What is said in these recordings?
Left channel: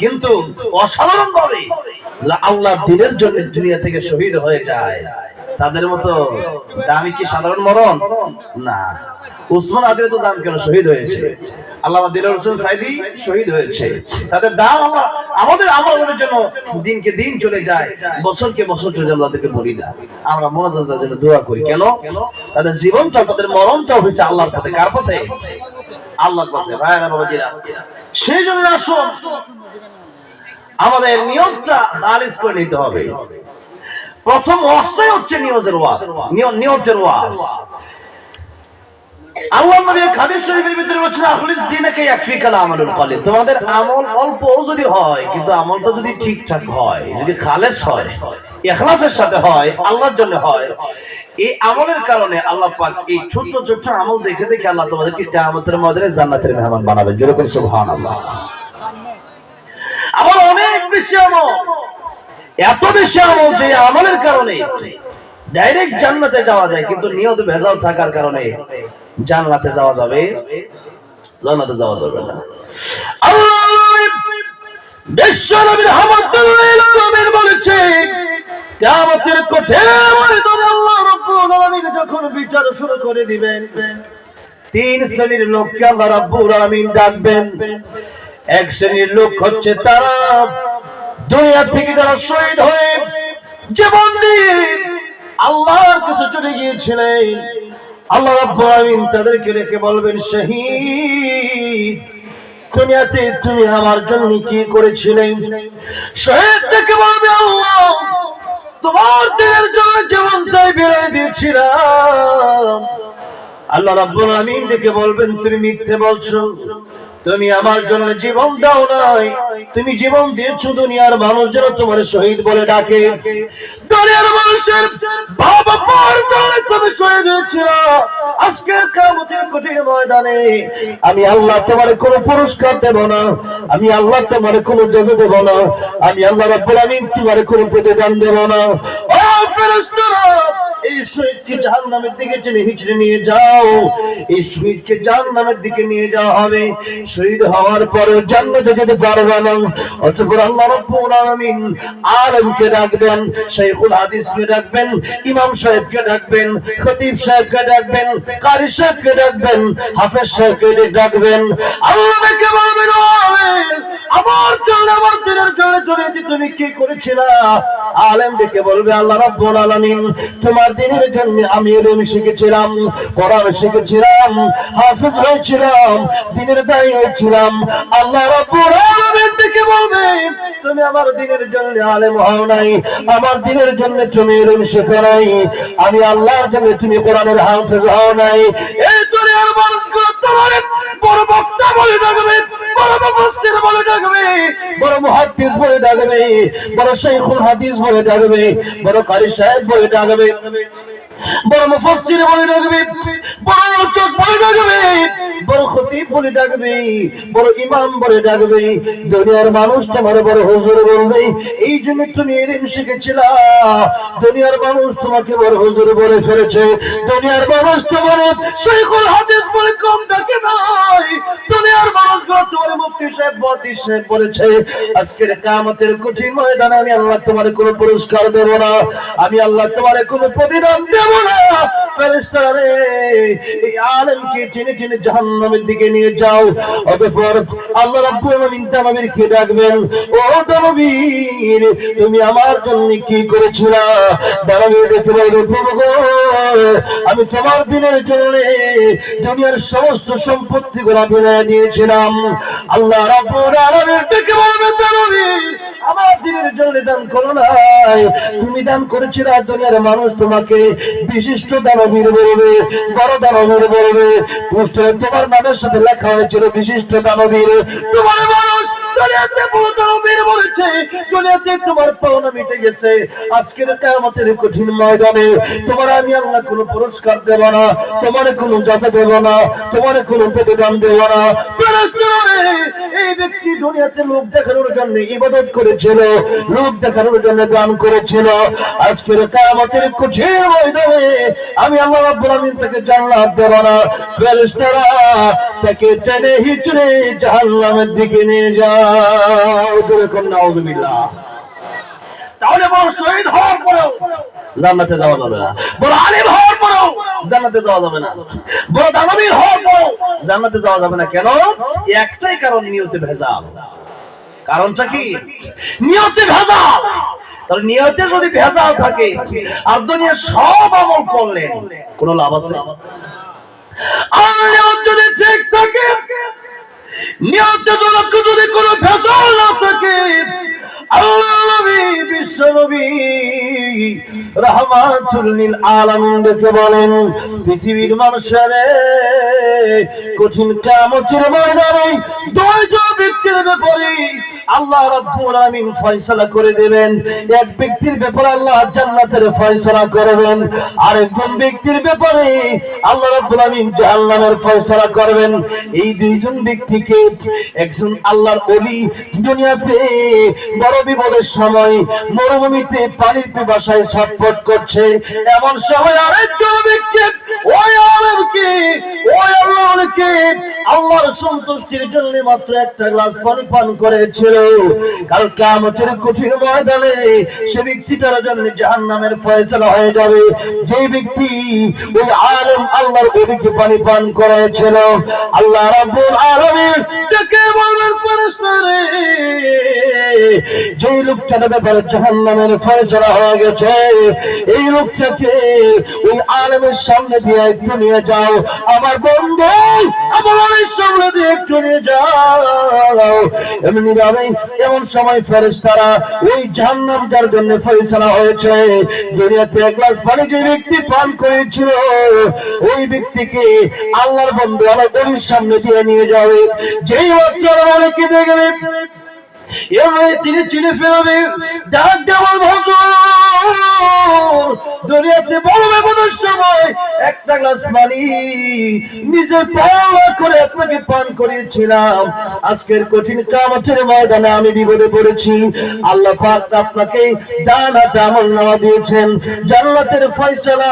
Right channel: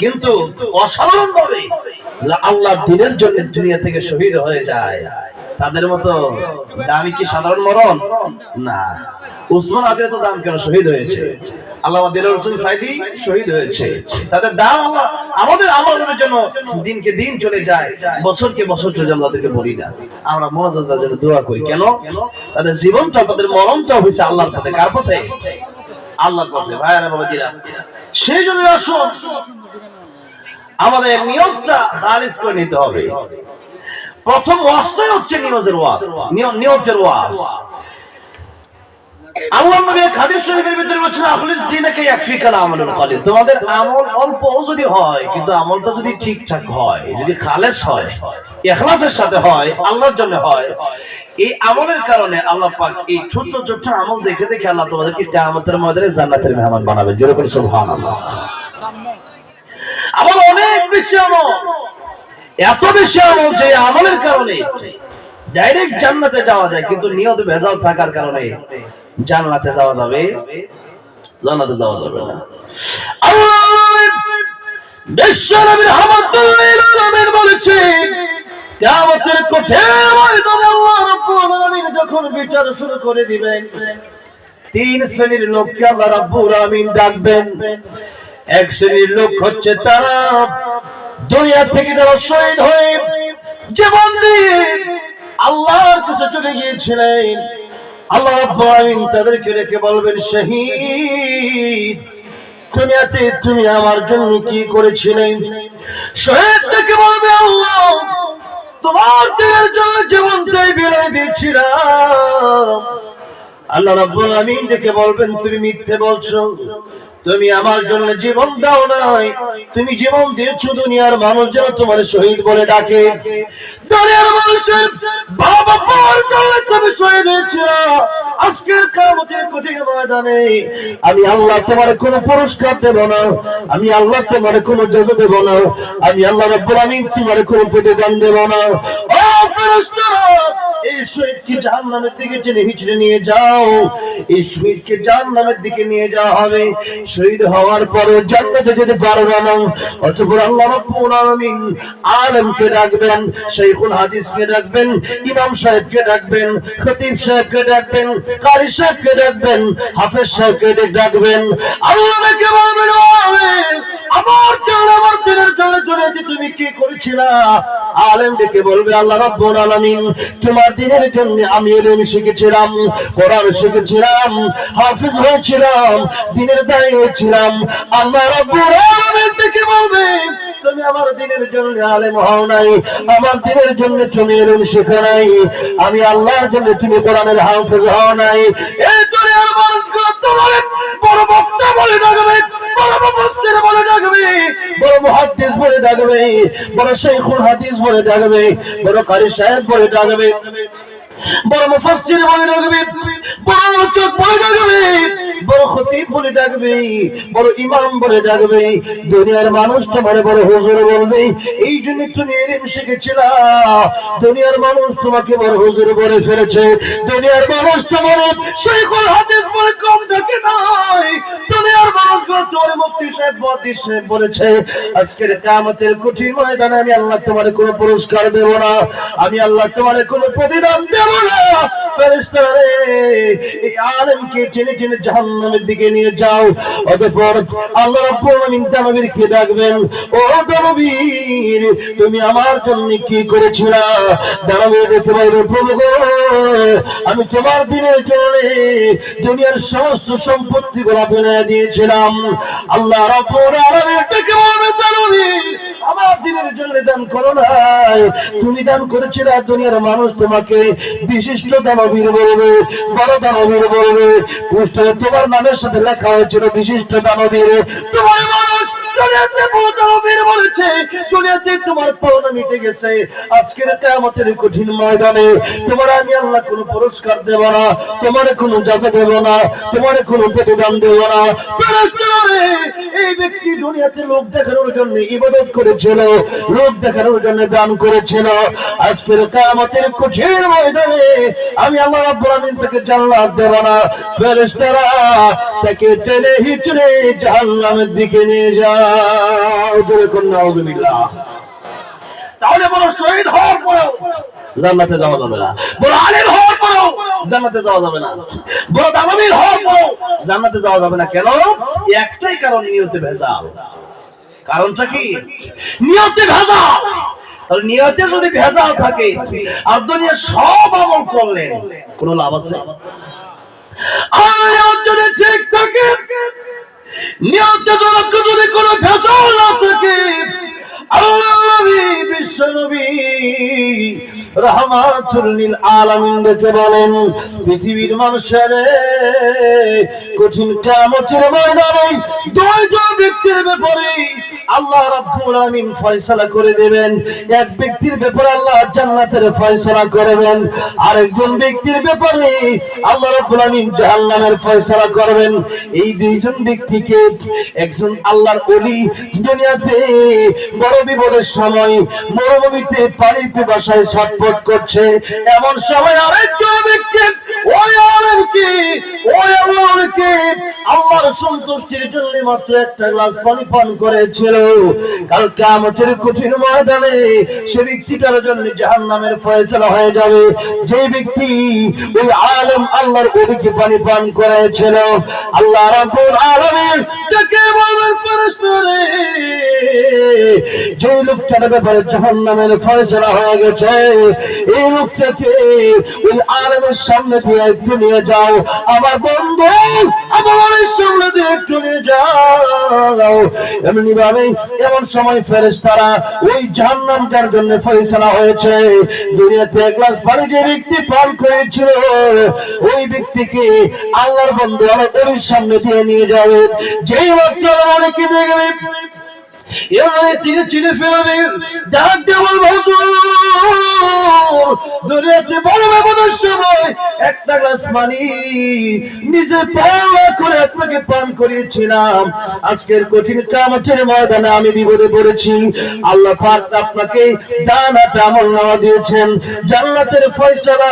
কিন্তু অসাধারণ ভাবে আল্লাহর দ্বীনের জন্য দুনিয়া থেকে শহীদ হয়ে যায়, তাদের মতো দামি কি সাধারণ মরণ না। উসমান আদির তো দাম কেন, শহীদ হয়েছে। আল্লামা দিলওয়ার হোসেন সাইদি শহীদ হয়েছে, তাদের দাম আল্লাহ আমাদের আমাদের জন্য দিনকে দিন চলে যায়, বছরকে বছর চলে যায়। আমাদেরকে বলি না, আমরা মনোজাতের জন্য দোয়া করি কেন? তাদের জীবনটা, তাদের মরণটা হয়েছে আল্লাহর পথে। কার পথে? আল্লাহর পথে। ভাইরা বাবাজিরা, সেই জন্য আসুন আমাদের নিয়তটা খালিস করে নিতে হবে। প্রথম ওয়াজটাই হচ্ছে নিয়তের ওয়াজ, নিয়তের ওয়াজ। আল্লাহ নবী হাদিস শরীফের ভিতরে বলেছেন, আখলিস দীনাকা ইয়াকফিকাল আমালুল কলিল। তোমাদের আমল অল্প যদি হয়, কিন্তু আমলটা যদি ঠিকঠাক হয়, যদি খালেস হয়, ইখলাসের সাথে হয়, আল্লাহর জন্য হয়, এই আমলের কারণে আল্লাহ পাক এই ছোট ছোট আমল দেখে দেখে আল্লাহ তোমাদেরকে কিয়ামতের ময়দানে জান্নাতের মেহমান বানাবেন। জোরে করে সুবহানাল্লাহ। আমল অনেক বেশি, আমল এত বেশি আমল যে আমলের কারণে ডাইরেক্ট জান্নাতে যাওয়া যায়, কিন্তু নিয়ত ভেজাল থাকার কারণে জান্নাতে যাওয়া যাবে, জান্নাতে যাওয়া যাবে না। আল্লাহ বিশ্বনবী রাহমাতুল্লাহ আলাইহি বলেছেন, কিয়ামতের কঠিন ময়দানে আল্লাহ রাব্বুল আলামিন যখন বিচার শুরু করে দিবেন, তিন শ্রেণীর লোককে আল্লাহ রাব্বুল আলামিন ডাকবেন। এক শ্রেণীর লোক হচ্ছে তারা দুনিয়া থেকে যারা শহীদ হয়ে জীবন দিয়ে আল্লাহর কাছে চলে গিয়েছিলেন, আল্লাহ রাব্বুল আলামিন তাদেরকে রেখে বলবেন, শহীদ দুনিয়াতে তুমি আমার জন্য কি করেছিলেন? শহীদটাকে বলবে, আল্লাহ তোমার দিনের জন্য জীবনটাই বিলিয়ে দিয়েছিলাম। আল্লাহ রাব্বুল আলামিন ডেকে বলবেন, তুমি মিথ্যে বলছো, তুমি আমার জন্য জীবন দাও নাই, তুমি জীবন দিয়েছো দুনিয়ার মানুষ যেন তোমার শহীদ বলে ডাকে। দুনিয়ার মানুষের বাবা মার জন্য তুমি শহীদ হয়েছো। আজকের কিয়ামতের কঠিন ময়দানে আমি আল্লাহ তোমার কোনো পুরস্কার দেব না, আমি আল্লাহ তোমার কোনো জাযা দেব না, আমি আল্লাহ রাব্বুল আলামিন তোমার কোনো প্রতিদান দেব না। ও ফেরেশতারা, এই শহীদকে জাহান্নামের দিকে টেনে হিচড়ে নিয়ে যাও, এই শহীদকে জাহান্নামের দিকে নিয়ে যাওয়া হবে। শহীদ হওয়ার পরে জান্নাতে যেতে পারবে না। অতঃপর আল্লাহ রাব্বুল আলামিন আলেমকে ডাকবেন, শাইখুল হাদিসকে ডাকবেন, ইমাম সাহেবকে ডাকবেন, খতিব সাহেবকে ডাকবেন, কারি সাহেবকে ডাকবেন, হাফেজ সাহেবকে ডাকবেন। আল্লাহকে বলবেন, আমার জন্য, আমার দিনের জন্য দুনিয়াতে তুমি কি করেছিলা? আলেম ডেকে বলবে, আল্লাহ রাব্বুল আলামিন তোমার দিনের জন্য আমি ইলম শিখেছিলাম, কোরআন শিখেছিলাম, হাফেজ হয়েছিলাম, দিনের দায়ী হয়েছিলাম। আল্লাহ রাব্বুল আলামিন ডেকে বলবে, তুমি আমার দিনের জন্য আলেম হও নাই, আমার দিনের জন্য তুমি ইলম শেখো নাই, আমি আল্লাহর জন্য তুমি কোরআনের হাফেজ হও নাই। এই দুনিয়ার মানুষগুলো তোমার বড় বক্তা বলে ডাকবে, বড় মুফাসসির বলে ডাকবে, বড় মুহাদ্দিস বলে ডাকবে, বড় শাইখুল হাদিস বলে ডাকবে, বড় কারি সাহেব বলে ডাকবে, বড় মুফাসসির বলে ডাকবে, বড় আলোচক বলে ডাকবে, বড় খতিব বলে ডাকবে, বড় ইমাম বলে ডাকবে। দুনিয়ার মানুষ তোমার বড় হুজুর বলবে, এই জন্য তুমি ইলম শিখেছিলা। দুনিয়ার মানুষ তোমাকে বড় হুজুর বলে ফেলেছে, দুনিয়ার মানুষ তোমার শাইখুল হাদিস বলে কম ডাকে নাই, দুনিয়ার মানুষগুলো তোমার মুফতি সাহেব, মুহাদ্দিস সাহেব বলেছে। আজকের কিয়ামতের কঠিন ময়দানে আমি আল্লাহ তোমার কোনো পুরস্কার দেব না, আমি আল্লাহ তোমার কোনো প্রতিদান দেব না। ফেরেশতারা রে, এই আলেমকে টেনে টেনে জাহান্নামের দিকে নিয়ে যাও। অতঃপর আল্লাহ রাব্বুল আলামিন নবীকে ডাকবেন, ও নবীর তুমি আমার জন্য কি করেছিলা? নবী দেখে বলবে, প্রভু গো, আমি তোমার দিনের জন্য দুনিয়ার সমস্ত সম্পত্তিগুলো বিলিয়ে দিয়েছিলাম। আল্লাহ রাব্বুল আলামিন ডেকে বলবে, নবী আমার দিনের জন্য দান করো নাই, তুমি দান করেছিলে। দুনিয়ার মানুষ তোমাকে বিশিষ্ট দানবীর বলবে, বড় দানবীর বলবে, পোস্টারে তোমার নামের সাথে লেখা হয়েছিল বিশিষ্ট দানবীর। তোমার মানুষ দুনিয়াতে বড় দানবীর বলেছে, দুনিয়াতে তোমার পাওনা মিটে গেছে। আজকের কিয়ামতের কঠিন ময়দানে তোমার আমি আল্লাহ কোনো পুরস্কার দেব না, তোমার কোনো জাযা দেব না, তোমার কোনো প্রতিদান দেব না। ফেরেশতারা রে, এই ব্যক্তি দুনিয়াতে লোক দেখানোর জন্য ইবাদত করেছিল, লোক দেখানোর জন্য গান করেছিল, আজকের কিয়ামতের কঠিন ময়দানে আমি আল্লাহ রাব্বুল আমিন তাকে জান্নাত দেব না, ফেরেশতারা তাকে টেনে হিচড়ে জাহান্নামের দিকে নিয়ে যাও। জোরে কোন নাউযুবিল্লাহ। তাহলে বড় শহীদ হওয়ার পরেও জান্নাতে যাওয়া যাবে না, বড় আলেম হওয়ার পরেও জান্নাতে যাওয়া যাবে না, বড় দানবীর হওয়ার পরেও জান্নাতে যাওয়া যাবে না। কেন? একটাই কারণ, নিয়তে ভেজাল। কারণটা কি? নিয়তে ভেজাল। তাহলে নিয়তে যদি ভেজাল থাকে আর দুনিয়া সব আমল করলেন, কোনো লাভ আছে? আর নিয়ত যদি ঠিক থাকে, নিয়তে যদি কোনো ভেজাল না থাকে, আল্লাহ নবী বিশ্ব নবী রাহমাতুল লিল আলামিন ডেকে বলেন, পৃথিবীর মানুষের কঠিন কিয়ামতের ময়দানে দুইজন ব্যক্তির ব্যাপারে আল্লাহ রাব্বুল আলামিন ফয়সালা করে দেবেন। এক ব্যক্তির ব্যাপারে আল্লাহ জান্নাতের ফয়সালা করবেন, আরেকজন ব্যক্তির ব্যাপারে আল্লাহ রাব্বুল আলামিন জাহান্নামের ফয়সালা করবেন। এই দুইজন ব্যক্তিকে, একজন আল্লাহর ওলি দুনিয়াতে বড় বিপদের সময় মরুভূমিতে পানির পিপাসায় ছটফট করছে, এমন সময় আরেকজন ব্যক্তি ওই আলেমকে, ওই আল্লাহকে আল্লাহর সন্তুষ্টির জন্য মাত্র একটা গ্লাস পানি পান করেছিল। কাল কিয়ামতের কঠিন ময়দানে সে ব্যক্তিটার জন্য জাহান্নামের ফয়সালা হয়ে যাবে। যে ব্যক্তি ওই আলেম আল্লাহর ওলিকে পানি পান করেছিল, আল্লাহ রাব্বুল আলামিন তাকে বলবেন, ফেরেশতারে, যে লোকটার ব্যাপারে জাহান্নামের ফয়সালা হয়ে গেছে, এই লোকটাকে ওই আলেমের সামনে দিয়ে একটু নিয়ে যাও, আমার বন্ধু আমার সামনে দিয়ে একটু নিয়ে যাও। এমনি ভাবে এমন সময় ফেরেশতারা ওই জাহান্নাম যার জন্য ফয়সালা হয়েছে, দুনিয়াতে এক গ্লাস পানি যে ব্যক্তি পান করেছিল, ওই ব্যক্তিকে আল্লাহর বন্ধু আল্লাহর ওলির সামনে দিয়ে নিয়ে যাবে। যেই লোকটার মানে কি দেখবে এবারে তিনি চিনে ফেলবে, ডাক দেওয়াল হুজুর, দুনিয়াতে বড় বিপদের সময় একটা গ্লাস পানি নিজে পাওয়া করে আপনাকে পান করিয়েছিলাম, আজকের কঠিন কিয়ামতের ময়দানে আমি বিপদে পড়েছি, আল্লাহ পাক আপনাকে জান্নাতে আমলনামা দিয়েছেন, জান্নাতের ফয়সালা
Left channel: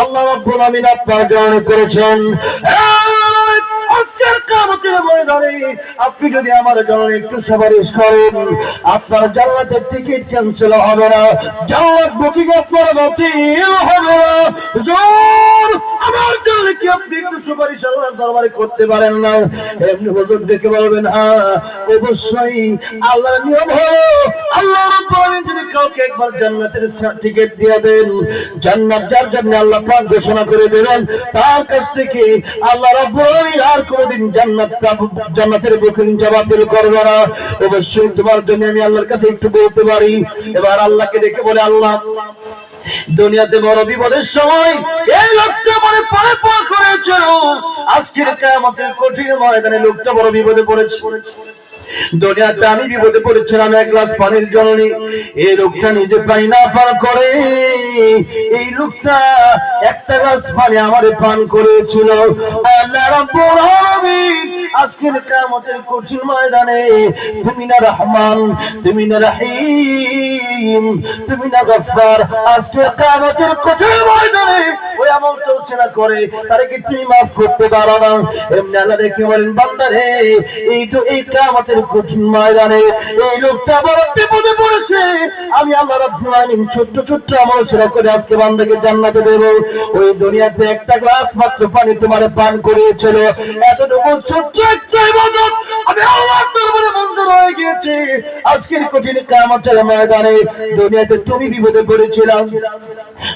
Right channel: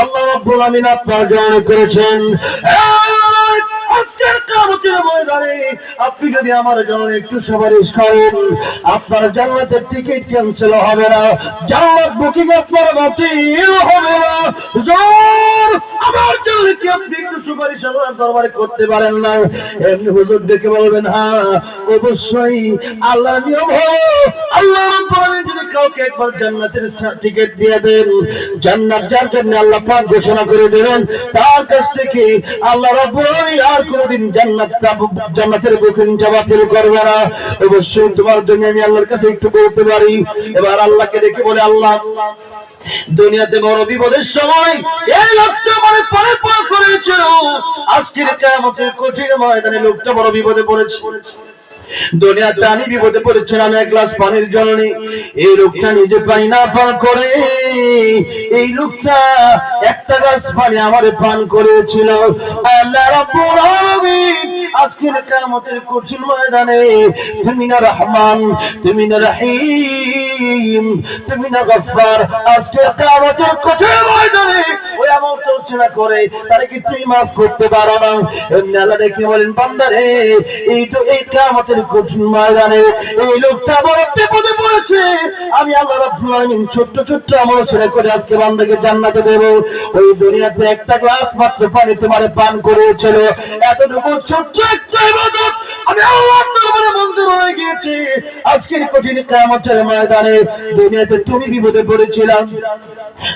আল্লাহ রাব্বুল আমিন আপনার জন্য করেছেন। আজকের কিয়ামতের ময়দানে আপনি যদি আমার জন্য একটু সুপারিশ করেন, আপনার জান্নাতের টিকিট ক্যান্সেল হবে না, জান্নাত বুকিং আপনার বাতিল হবে না। হুজুর আমার জন্য কি আপনি একটু সুপারিশ আল্লাহর দরবারে করতে পারেন না? এমনি হুজুর ডেকে বলবেন, হ্যাঁ অবশ্যই। আল্লাহর নিয়ম হলো, আল্লাহ রাব্বুল আমিন যদি কাউকে একবার জান্নাতের টিকিট দিয়ে দেন, জান্নাত যার জন্য আল্লাহ পাক ঘোষণা করে দেবেন, তার কাছ থেকে আল্লাহ রাব্বুল আমিন আর কোনদিন জান্নাতের বুকিং বাতিল করবে না। অবশ্যই তোমার জন্য আমি আল্লাহর কাছে একটু বলতে পারি। এবার আল্লাহকে ডেকে বলে, আল্লাহ দুনিয়াতে বড় বিপদের সময় এই লোকটা মানে পারে পার করেছিল, আজকের কিয়ামতের কঠিন ময়দানে লোকটা বড় বিপদে পড়েছে। দুনিয়াতে আমি বিপদে পড়েছিলাম এক গ্লাস পানির জন্য, এই লোকটা নিজে পানি না পান করে এই লোকটা একটা গ্লাস পানি আমারে পান করেছিল। আল্লাহ রাব্বুল আলামিন আজকের কিয়ামতের কঠিন ময়দানে তুমি না রহমান, তুমি না রহিম, তুমি না গফফার, আজকের কিয়ামতের কঠিন ময়দানে ওই আমল চলছেনা করে তারে কি তুমি maaf করতে পারো না? এমনি আল্লাহ দেখে বলেন, বান্দারে এই তো এই কিয়ামতের কঠিন ময়দানে এই লোকটা বড় বিপদে পড়েছে, আমি আল্লাহ রাব্বুল আলামিন ছোট্ট ছোট্ট আমল সেরা করে আজকে বান্দাকে জান্নাতে দেব। ওই দুনিয়াতে একটা গ্লাস মাত্র পানি তোমারে পান করেছিল, এতটুকু ছোট্ট একটা ইবাদত আমি আল্লাহর দরবারে মঞ্জুর হয়ে গিয়েছে। আজকের কঠিন কিয়ামতের ময়দানে দুনিয়াতে তুমি বিপদে পড়েছিলাম,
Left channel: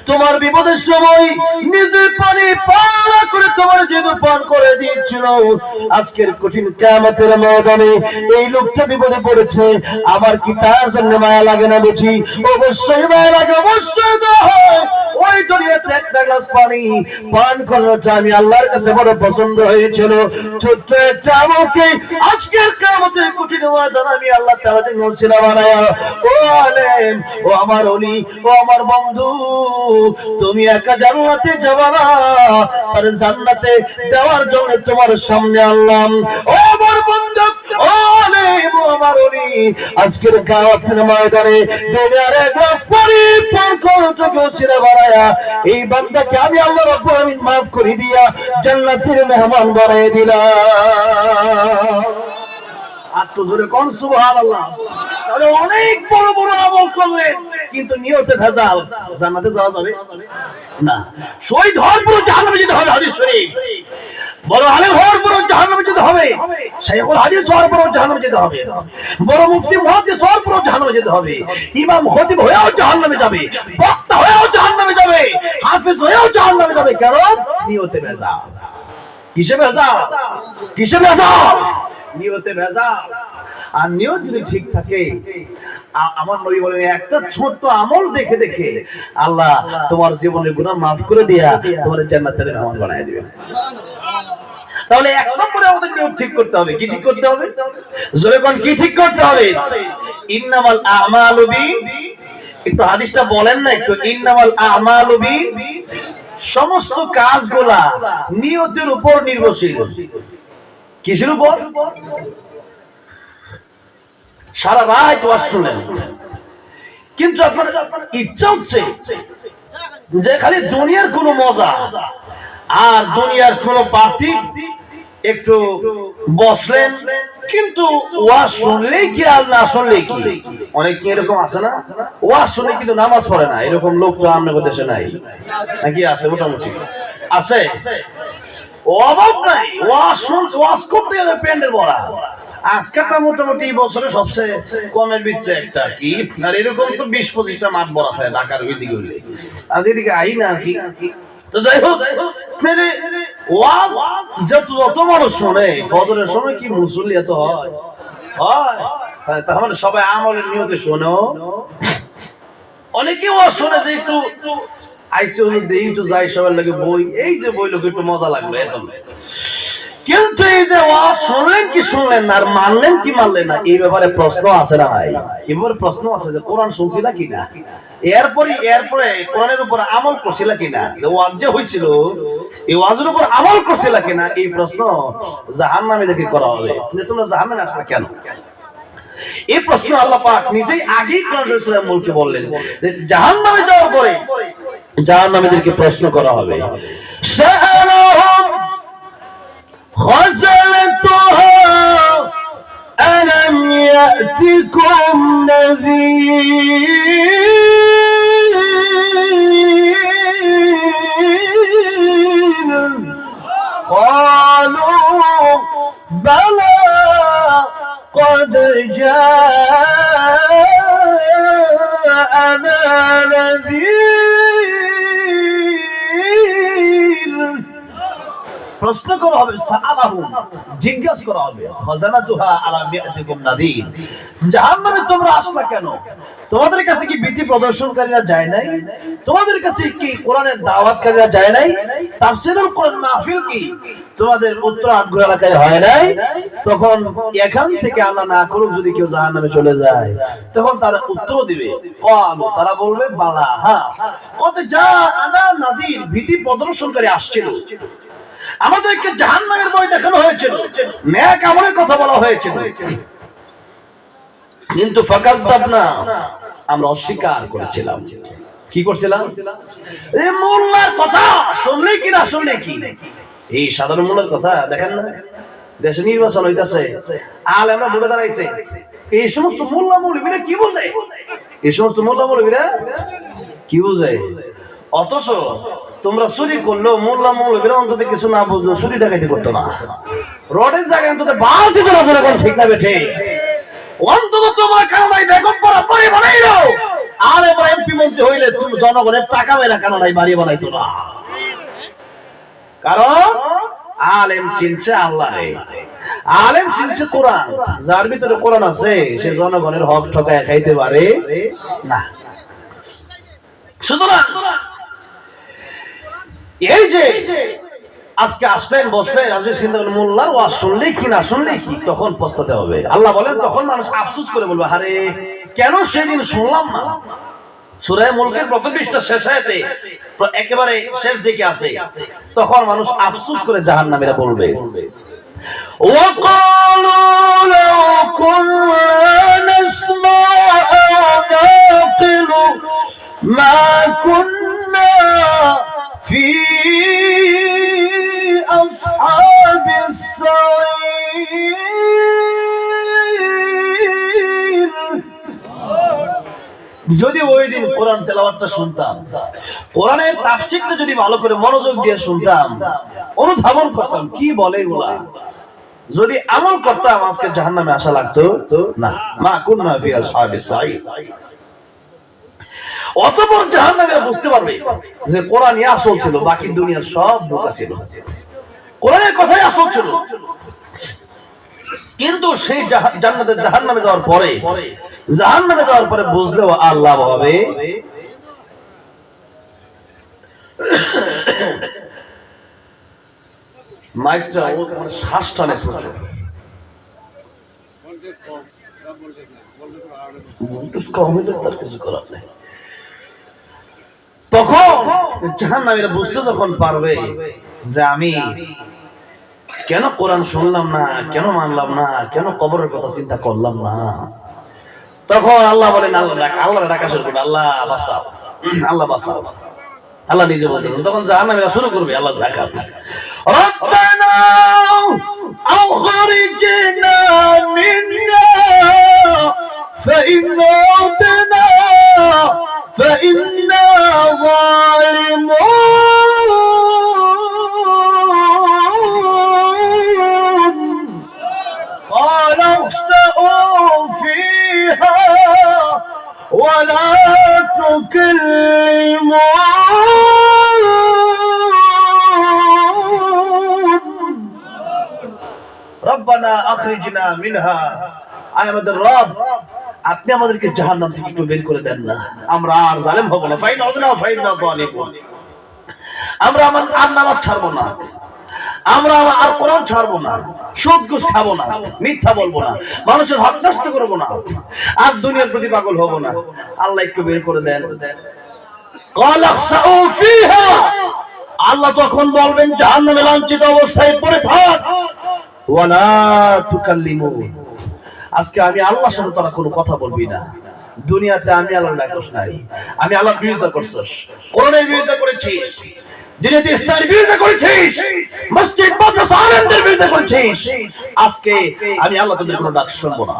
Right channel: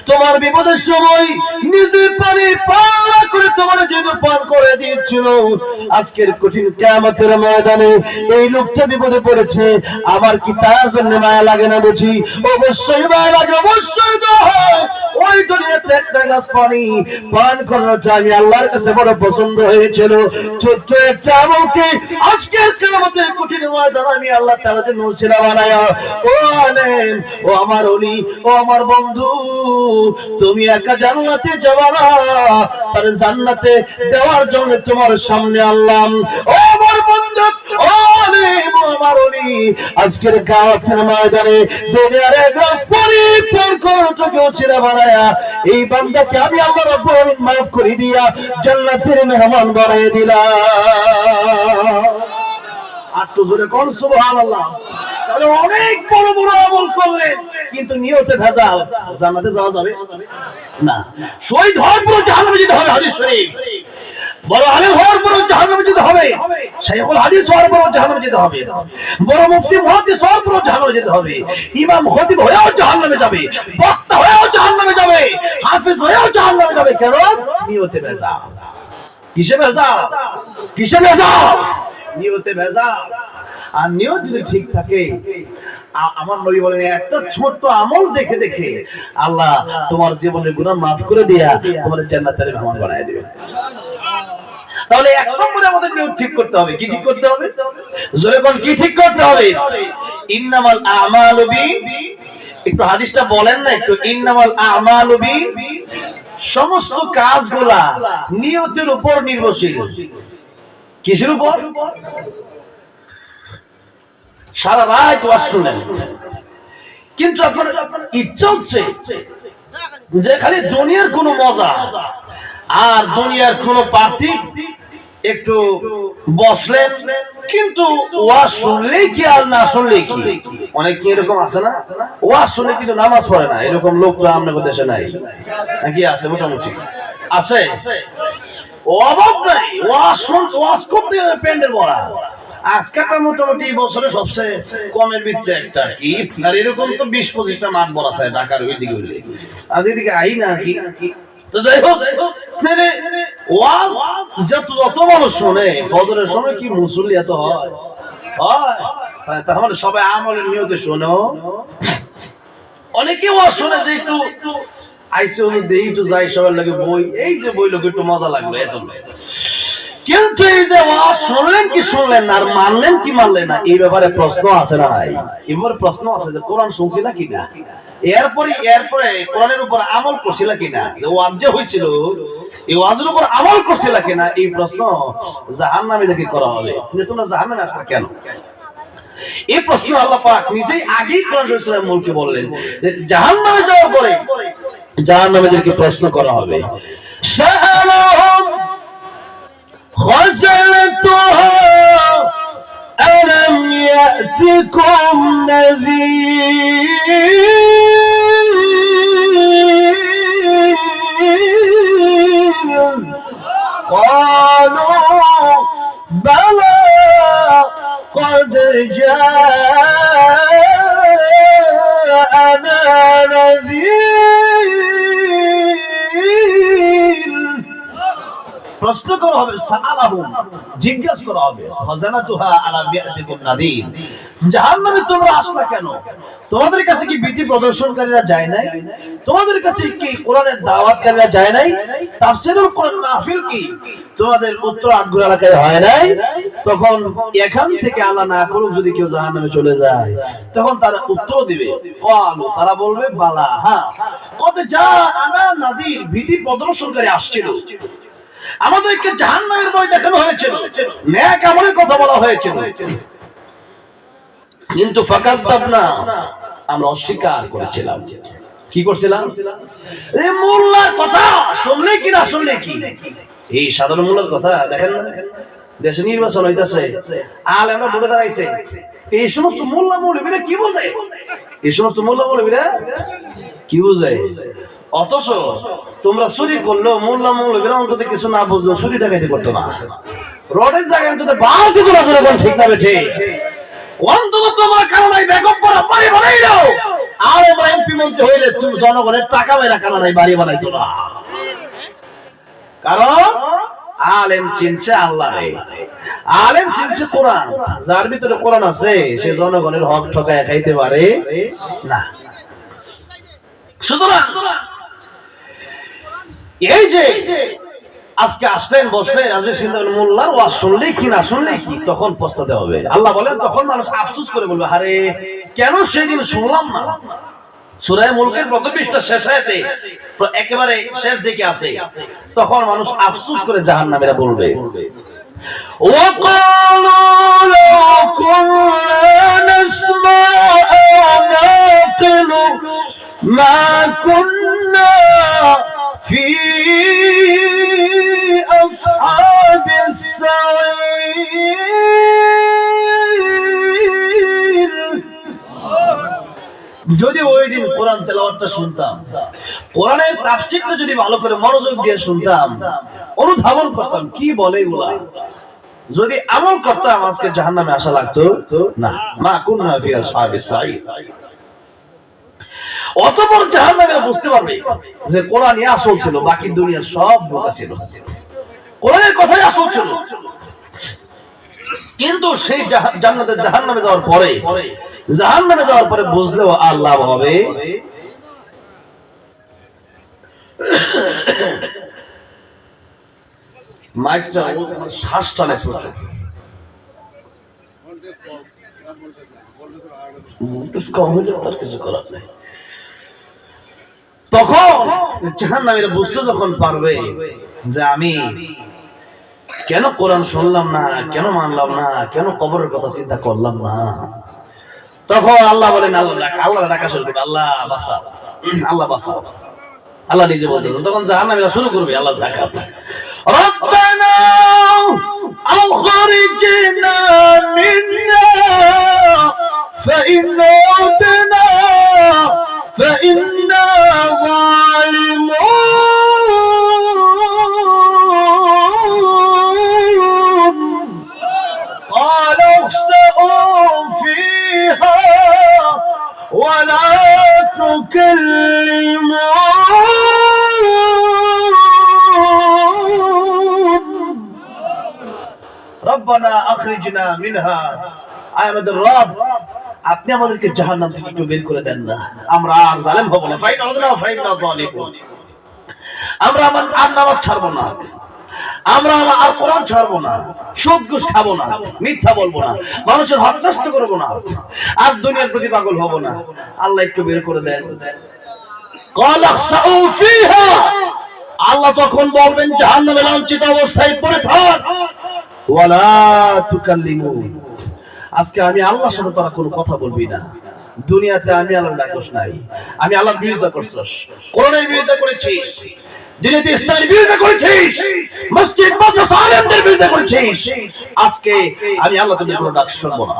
তোমার বিপদের সময় নিজে পানি পান না করে তোমার যেহেতু পান করে দিয়েছিল, আজকের কঠিন কিয়ামতের ময়দানে এই লোকটা বিপদে পড়েছে, আমার কি তার জন্য মায়া লাগে না বুঝি? অবশ্যই মায়া লাগে, অবশ্যই তো হয়। ওই দুনিয়াতে একটা গ্লাস পানি পান করাটা আমি আল্লাহর কাছে বড় পছন্দ হয়েছিল। ছোট্ট একটা আমলকে আজকের কিয়ামতের কঠিন ময়দানে আমি আল্লাহ তাআলা দিন ওসিলা বানায়া, ও আলেম, ও আমার ওলি, ও আমার বন্ধু, তুমি একা জান্নাতে যাবা না, তার জান্নাতে দেওয়ার জন্য তোমার সামনে আনলাম। ও আমার বন্ধু, ও আলেম, ও আমার ওলি, আজকের কিয়ামতের ময়দানে দুনিয়ার এক গ্লাস পানি পান করাটাকে ওসিলা বানায়া এই বান্দাকে আমি আল্লাহ রাব্বুল আমিন মাফ করে দিয়া জান্নাতের মেহমান বানিয়ে দিলাম। আর তো জোরে কোন সুবহানাল্লাহ। তাহলে অনেক বড় বড় আমল করলেন কিন্তু নিয়তে ভেজাল, জান্নাতে যাওয়া যাবে না। শহীদ হওয়ার পর জাহান্নামে যেতে হবে, হাদিস শরীফ। বড় আলেম হওয়ার পর জাহান্নামে যেতে হবে, শাইখুল হাদিস হওয়ার পর জাহান্নামে যেতে হবে, বড় মুফতি মুহাদ্দিস হওয়ার পর জাহান্নামে যেতে হবে, ইমাম খতিব হয়েও জাহান্নামে যাবে, বক্তা হয়েও জাহান্নামে যাবে, হাফেজ হয়েও জাহান্নামে যাবে। কেন? নিয়তে ভেজাল। কিসে ভেজাল? কিসে ভেজাল? নিয়তে ভেজাল। আর নিয়ত যদি ঠিক থাকে, আমার নবী বলেন একটা ছোট্ট আমল দেখে দেখে আল্লাহ তোমার জীবনের গুনাহ মাফ করে দিয়া তোমার জান্নাতের মেহমান বানায় দিবেন। তাহলে এক নম্বরে আমাদের নিয়ত ঠিক করতে হবে। কি ঠিক করতে হবে? জোরে কোন কি ঠিক করতে হবে? ইন্নামাল আমালু একটু হাদিসটা বলেন না একটু। ইন্নামাল আমালু সমস্ত কাজগুলা নিয়তের উপর নির্ভরশীল। কিসের উপর? সারা রাত ওয়াজ শুনলেন কিন্তু আপনার ইচ্ছা হচ্ছে যে খালি দুনিয়ার কোনো মজা আর দুনিয়ার কোনো পার্টি, একটু বসলেন কিন্তু ওয়াজ শুনলেই কি আর না শুনলেই কি। অনেক এরকম আছে না, ওয়াজ শুনে কিন্তু নামাজ পড়ে না, এরকম লোক তো আমাদের দেশে নাই নাকি? আছে, মোটামুটি আছে, অভাব নাই। ওয়াজ করতে গেলে প্যান্ডেল ভরা। আজকালটা মোটামুটি বছরে সবচেয়ে কমের ভিতরে একটা কি, আর এরকম তো 20-25টা মাঠ ভরা থাকে ঢাকার ওইদিকে হইলে, আর এদিকে আই না কি। তো যাই হোক, ওয়াজ যত মানুষ শোনে ফজরের সময় কি মুসল্লি এত হয়? তাহলে সবাই আমলের নিয়তে শোনো। অনেকে ওয়াজ শোনে যে একটু আইসে দেই একটু যাই সবার লাগে বই, এই যে বই লোক একটু মজা লাগলো এত। কিন্তু এই যে ওয়াজ শুনলেন কি শুনলেন না, আর মানলেন কি মানলেন না, এই ব্যাপারে প্রশ্ন আছে না ভাই? এবার প্রশ্ন আছে যে কোরআন শুনছি না কিনা, এরপরে কোরআনের উপর আমল করছিল কিনা, ওয়াজ যে হয়েছিল এই ওয়াজের উপর আমল করছিল কিনা, এই প্রশ্ন জাহান্নামে দেখে করা হবে। তোমরা জাহান্নামে আসলে কেন? এই প্রশ্ন আল্লাহ পাক নিজেই আগেই কোরআন শরীফের মূলকে বললেন যে জাহান্নামে যাওয়ার পরে জাহান্নামীদেরকে প্রশ্ন করা হবে। সাআলাহুম خزنتها ألم يأتكم نذير قالوا بلى قد جاءنا نذير। প্রশ্ন করা হবে, সাআলাহুম জিজ্ঞাসা করা হবে, খাজানাতুহা আলা বিআতিকুম নাদির, জাহান্নামে তোমরা আসলা কেন? তোমাদের কাছে কি ভীতি প্রদর্শনকারীরা যায় নাই? তোমাদের কাছে কি কোরআনের দাওয়াতকারীরা যায় নাই? তাফসীরুল কোরআন মাহফিল কি তোমাদের উত্তর আটগুলো এলাকায় হয় নাই? তখন এখান থেকে আল্লাহ না করুক যদি কেউ জাহান্নামে চলে যায়, তখন তারা উত্তর দিবে, ক্বালু তারা বলবে বালা, হ্যাঁ, কদ জাআনা নাদির, ভীতি প্রদর্শনকারী আসছিল, আমাদেরকে জাহান্নামের ভয় দেখানো হয়েছিল, নেক আমলের কথা বলা হয়েছিল, কিন্তু ফাকাযযাবনা আমরা অস্বীকার করেছিলাম। কি করছিলাম? এই মোল্লার কথা শুনলে কি না শুনলে কি, এই সাধারণ মোল্লার কথা দেখেন না, দেশে নির্বাচন হইতাছে, আলেমরা ভোটে দাঁড়াইছে, এই সমস্ত মোল্লা মৌলবীরা কি বোঝে? এই সমস্ত মোল্লা মৌলবীরা কি বোঝে? অথচ তোমরা চুরি করলেও মোল্লা মৌলবীরা অন্তত কিছু না বুঝলো, চুরি ডাকাতি করতো না, রোডের জায়গায় অন্তত বাস দিত না, জোরে কোন ঠিক না বেঠে, অন্তত তোমার কারণে ব্যাকআপ করা বাড়ি বানাইলো, আর এবার এমপি মন্ত্রী হইলে তুমি জনগণের টাকা বাইরা কারণে বাড়ি বানাইতো না। কারণ আলেম চিনছে আল্লাহরে, আলেম চিনছে কোরআন, যার ভিতরে কোরআন আছে সে জনগণের হক ঠকায় খাইতে পারে না। সুতরাং এই যে আজকে আসলেন বসলেন আজকে চিন্তা করলেন মোল্লার ওয়াজ শুনলেই কি না শুনলেই কি, তখন পস্তাতে হবে। আল্লাহ বলেন তখন মানুষ আফসোস করে বলবে আরে কেন সেদিন শুনলাম না। সূরা মুলকের প্রথম পৃষ্ঠা শেষ আয়াতে একেবারে শেষ দিকে আছে, তখন মানুষ আফসোস করে জাহান্নামীরা বলবে وقالوا لو كنا نسمع أو نعقل ما كنا في أصحاب السعير। যদি ওই দিন কোরআন তেলাওয়াতটা শুনতাম, কোরআনের তাফসীরটা যদি ভালো করে মনোযোগ দিয়ে শুনতাম, অনুধাবন করতাম কি বলে এগুলা, যদি আমল করতাম আজকে জাহান্নামে আসা লাগতো না। মা কুন্না ফি আসহাবিস সাঈর। অতঃপর জাহান্নামীরা বুঝতে পারবে যে কোরআনই আসল ছিল, বাকি দুনিয়ার সব বোকা ছিল, কোরআনের কথাই আসল ছিল। কিন্তু সেই জান্নাতে জাহান্নামে যাওয়ার পরে বুঝলেও আল্লাহ হবে মাইকটা শ্বাস টানে প্রচুর, কিছু করার নেই। তখন জাহান্নামীরা বুঝতে যখন পারবে যে আমি কেন কোরআন শুনলাম না, কেন মানলাম না, কেন কবরের কথা চিন্তা করলাম না, তখন আল্লাহ বলেন আল্লাহ ডাকা শুরু করবে, আল্লাহ বাঁচাও, আল্লাহ বাঁচাও। আল্লাহ নিজে বলতেছেন, তখন জাহান্নামীরা শুরু করবে আল্লাহ ডাকা, রব্বানা আখরিজনা মিন্না ফাইন উদনা ফাইন্না যালিমুন قال اخسئوا فيها ولا تكلمون ربنا اخرجنا منها। আয় আমাদের রব, আপনি আমাদেরকে জাহান্নাম থেকে একটু বের করে দেন না, আমরা আর জালেম হব না। ফাইন আউযনা ফাইন্না যালিমুন। আমরা আর নামাজ ছাড়বো না, আমরা আর কোরআন ছাড়বো না, সুদ ঘুষ খাবো না, মিথ্যা বলবো না, মানুষের হক নষ্ট করবো না, আর দুনিয়ার প্রতি পাগল হবো না। আল্লাহ একটু বের করে দেন। আল্লাহ তখন বলবেন জাহান্নামে লাঞ্ছিত অবস্থায় পড়ে থাক, ওয়ালা তুকাল্লিমুন। আজকে আমি আল্লাহর সাথে তোরা কোনো কথা বলবি না। দুনিয়াতে আমি আল্লাহর ডাকছ নাই, আমি আল্লাহর বিরুদ্ধে করছস, কোরআনের বিরুদ্ধে করেছিস, দিনের ইসলামের বিরুদ্ধে করেছিস, মসজিদ মাদ্রাসা আলেমদের বিরুদ্ধে করেছিস। আজকে আমি আল্লাহ তোদের কোনো ডাক শুনবো না,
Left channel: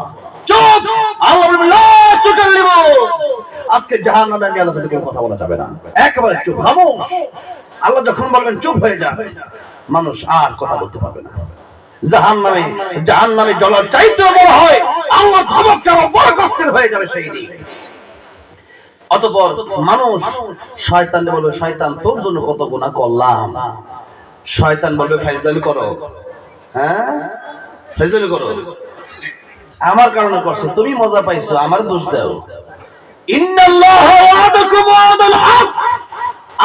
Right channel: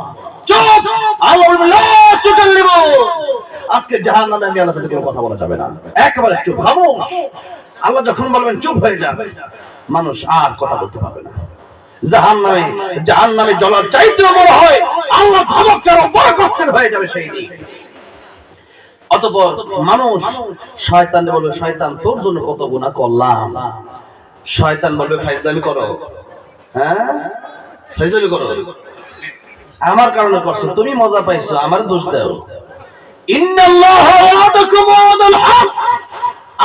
চুপ। আল্লাহ বলবেন লা তুকাল্লিমুন। আজকে জাহান্নামে আমি আল্লাহর সাথে কোনো কথা বলা যাবে না, একেবারে চুপ, খামোশ। আল্লাহ যখন বলবেন চুপ হয়ে যা, মানুষ আর কথা বলতে পারবে না। জাহান্নামে জ্বলার চাইতেও বড় হয়, আল্লাহ ধমক ছাড়া বড় কষ্টের হয়ে যাবে সেই দিন। অতঃপর মানুষ শয়তানকে বলবে, শয়তান তোর জন্য কত গুনাহ করলাম। শয়তান বলবে ফাইজলামি করো, হ্যাঁ ফাইজলামি করো, আমার কারণে করছো, তুমি মজা পাইছো, আমার দোষ দাও। ইন্নাল্লাহা ওয়াদাকুম ওয়াদাল হক।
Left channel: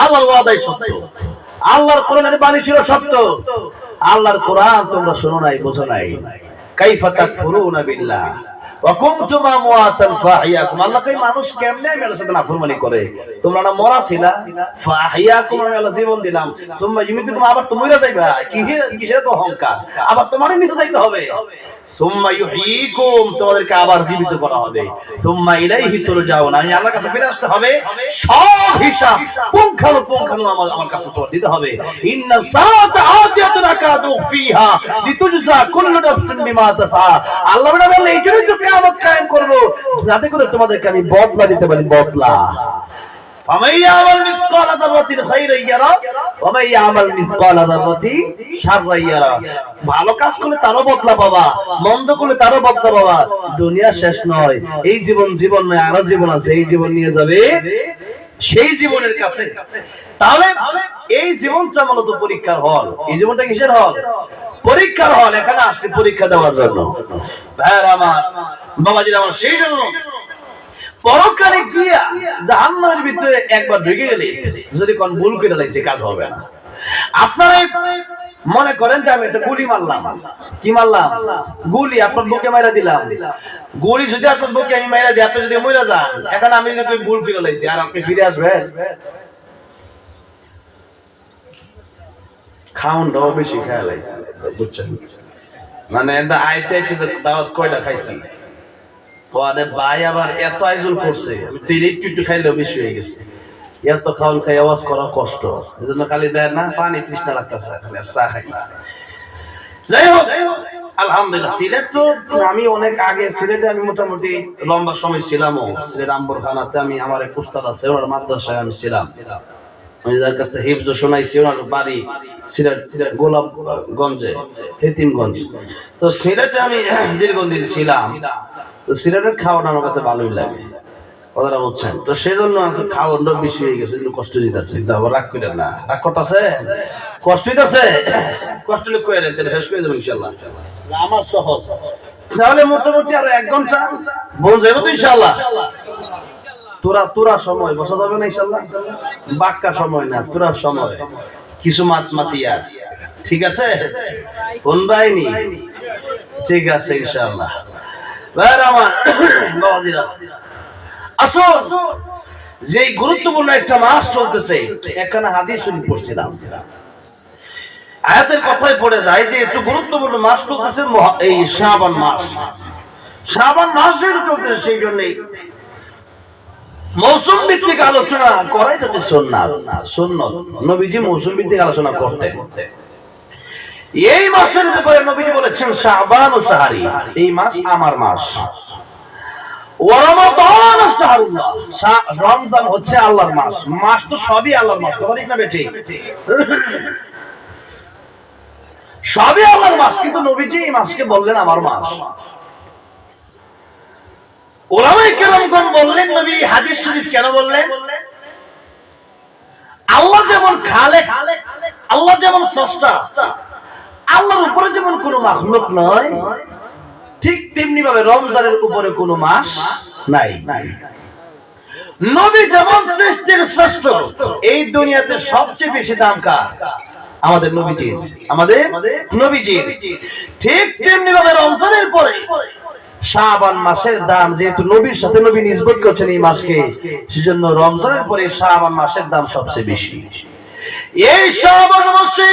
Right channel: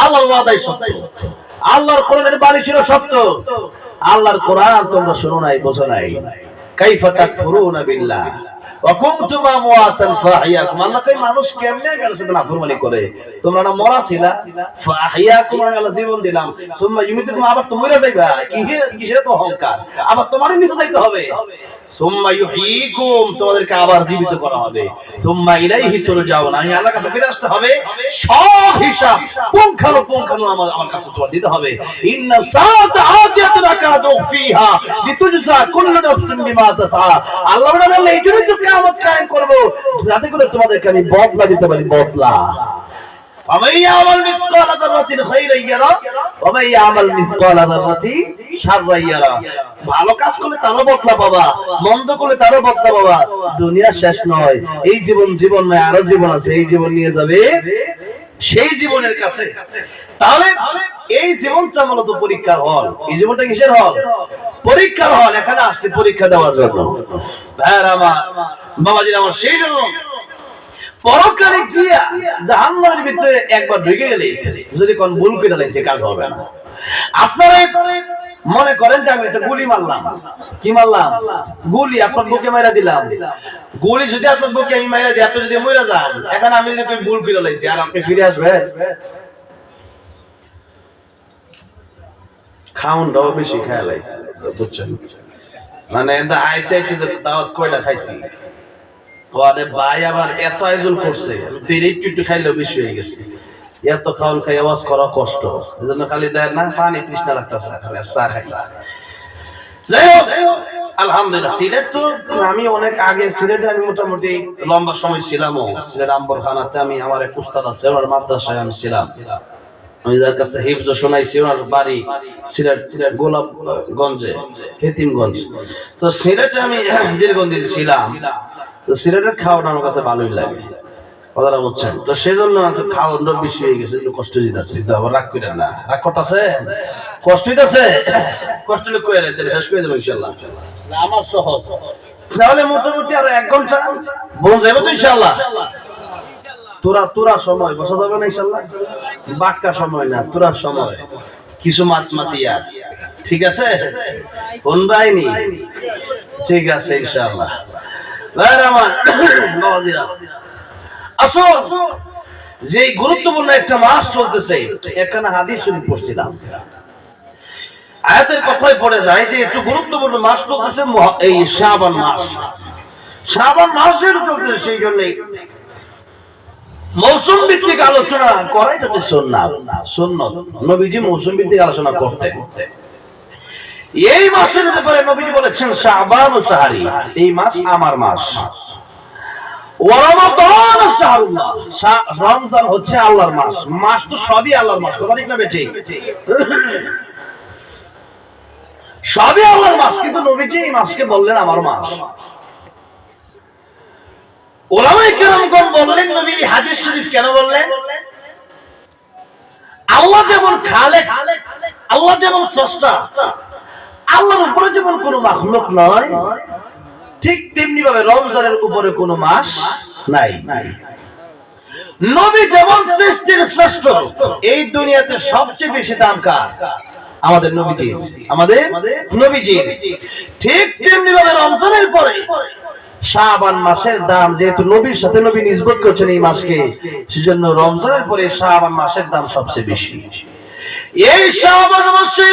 আল্লাহর ওয়াদাই সত্য, আল্লাহর কোরআনের বাণী ছিল সত্য। আল্লাহর কোরআন তোমরা শোনো নাই, বোঝো নাই। কাইফা তাকফুরুনা বিল্লাহ ওয়া কুনতুম আমওয়াতান ফাহিয়াকুম। আল্লাহ কই মানুষ কেমনে মেরে সাথে নাফরমানি করে, তোমরা না মরা ছিলা, ফাহিয়াকুম আমি আল্লাহ জীবন দিলাম, সুম্মা ইউমিতুকুম, আবার তো মরে যাইবা, কিসের তো অহংকার, আবার তোমারই নিতে যাইতে হবে। সুম্মা ইউহয়িকুম, তোমাদেরকে আবার জীবিত করা হবে। সুম্মা ইলাইহি তুরজাউন, আমি আল্লাহর কাছে ফিরে আসতে হবে, সব হিসাব পুঙ্খানুপুঙ্খানু আমার কাছে তোমার দিতে হবে। ইন্না সাআতা আতিয়াতুন আকাদু ফিহা লিতুজজা কুল্লু নাফসিন বিমা তাসআ। আল্লাহ বলে এই জন্যই তো কিয়ামত কায়েম করব, যাতে করে তোমাদেরকে আমি বদলা দিতে পারি, বদলা। ফামান ইয়ামাল মিসকালা যাররাতিন খায়রান ইয়ারা ওয়া মান ইয়ামাল মিসকালা যাররাতিন শাররান ইয়ারা। ভালো কাজ করলে তারও বদলা পাবা, মন্দ করলে তারও বদলা পাবা। দুনিয়া শেষ নয়, এই জীবন নয়, আরো জীবন আছে, এই জীবন নিয়ে যাবে সেই জীবনের কাছে। তাহলে এই জীবনটা মূলত পরীক্ষার হল। এই জীবনটা কিসের হল? পরীক্ষার হল। এখানে আসছে পরীক্ষা দেওয়ার জন্য। ভাইরা আমার, বাবাজিরা আমার, সেই জন্য পরকালে গিয়া জাহান্নামের ভিতরে একবার ঢুকে গেলে যদি কোন ভুল করে লাগছে কাজ হবে না। আপনারা মনে করেন যে আমি একটা গুলি মারলাম, কি মারলাম? গুলি আপনার বুকে মাইরা দিলাম। গুলি যদি আপনার বুকে আমি মাইরা দিই, আপনি যদি মইরা যান, এখন আমি যদি ভুল করে লাইছি আর আপনি ফিরে আসবেন? খাউনটাও বেশি খায় লাইছি, বুঝছেন? মানে আইতে আইতে দাওয়াত কয়টা খাইছি, ওরে ভাই আবার এত আয়োজন করছে, আমি তো একটু খাইলেও বেশি হয়ে গেছে। এত খাওয়ান খাই আওয়াজ করা কষ্ট, এই জন্য খালি দেয় না পানি তৃষ্ণা লাগতেছে, খালি চা খাই। যাই হোক, আলহামদুলিল্লাহ। সিলেট তো আমি অনেক আগে, সিলেটে আমি মোটামুটি লম্বা সময় ছিলামও। সিলেট আম্বরখানাতে আমি, আমার এক উস্তাদ আছে, ওনার মাদ্রাসায় আমি ছিলাম। আমি যার কাছে হিফজ শোনাইছি, ওনার বাড়ি সিলেট গোলাপগঞ্জে, হেতিমগঞ্জ। তো সিলেটে আমি দীর্ঘদিন ছিলাম। তো সিলেটের খাওয়াটা আমার কাছে ভালোই লাগে, কথাটা বুঝছেন? তো সেই জন্য আছে খাওয়াটা বেশি হয়ে গেছে, একটু কষ্ট দিতেছে। রাগ করেন না, রাগ করতেছে, কষ্ট দিতেছে, কষ্ট হলে কয়ে তাহলে শেষ করে দেবো ইনশাল্লাহ। আমার সহজ, তাহলে মোটামুটি আরো 1 ঘন্টা বোঝা যাবে তো ইনশাল্লাহ। তোরা সময় বসা যাবে না ইনশাল্লাহ, বাক্কা সময় না, তোরা সময় কিছু মাতিয়া, ঠিক আছে? কোন বাইনি, ঠিক আছে ইনশাল্লাহ। আমার বাবাজিরা, আসুন, যে গুরুত্বপূর্ণ একটা মাস চলতেছে, এখানে হাদিস শরীফ পড়ছিলাম, আয়াতের কথাই পড়ে যায় যে একটু গুরুত্বপূর্ণ মাস চলতেছে, এই শাবান মাস। শাবান মাস যেহেতু চলতেছে, সেই জন্যই মৌসুম ভিত্তিক আলোচনা করা এটা সুন্নাত। নবীজি মৌসুম ভিত্তিক আলোচনা করতেন। এই মাসের ব্যাপারে নবীজি বলেছেন শাবান ও শাহরি, এই মাস আমার মাস। রমজান হচ্ছে আল্লাহর মাস। মাস তো সবই আল্লাহর মাস, কথা ঠিক না বেঠিক? সবই আল্লাহর মাস, কিন্তু নবীজি এই মাসকে বললেন আমার মাস। ওলামায়ে কেরামগণ বললেন নবী হাদিস শরীফ কেন বললেন? আল্লাহ যেমন খালেক, আল্লাহ যেমন স্রষ্টা, আল্লাহর উপরে যেমন কোনো মাখলুক নয়, ঠিক তেমনি ভাবে রমজানের উপরে কোনো মাস নাই। নবী যেমন সৃষ্টির শ্রেষ্ঠ, এই দুনিয়াতে সবচেয়ে বেশি দাম কার? আমাদের নবীজির, আমাদের নবীজির। ঠিক তেমনি ভাবে রমজানের পরে শাবান মাসের দাম, যেহেতু নবীর সাথে নবী নিসবত করছেন এই মাসকে, সেজন্য রমজানের পরে শাবান মাসের দাম সবচেয়ে বেশি। এই শাবান মাসে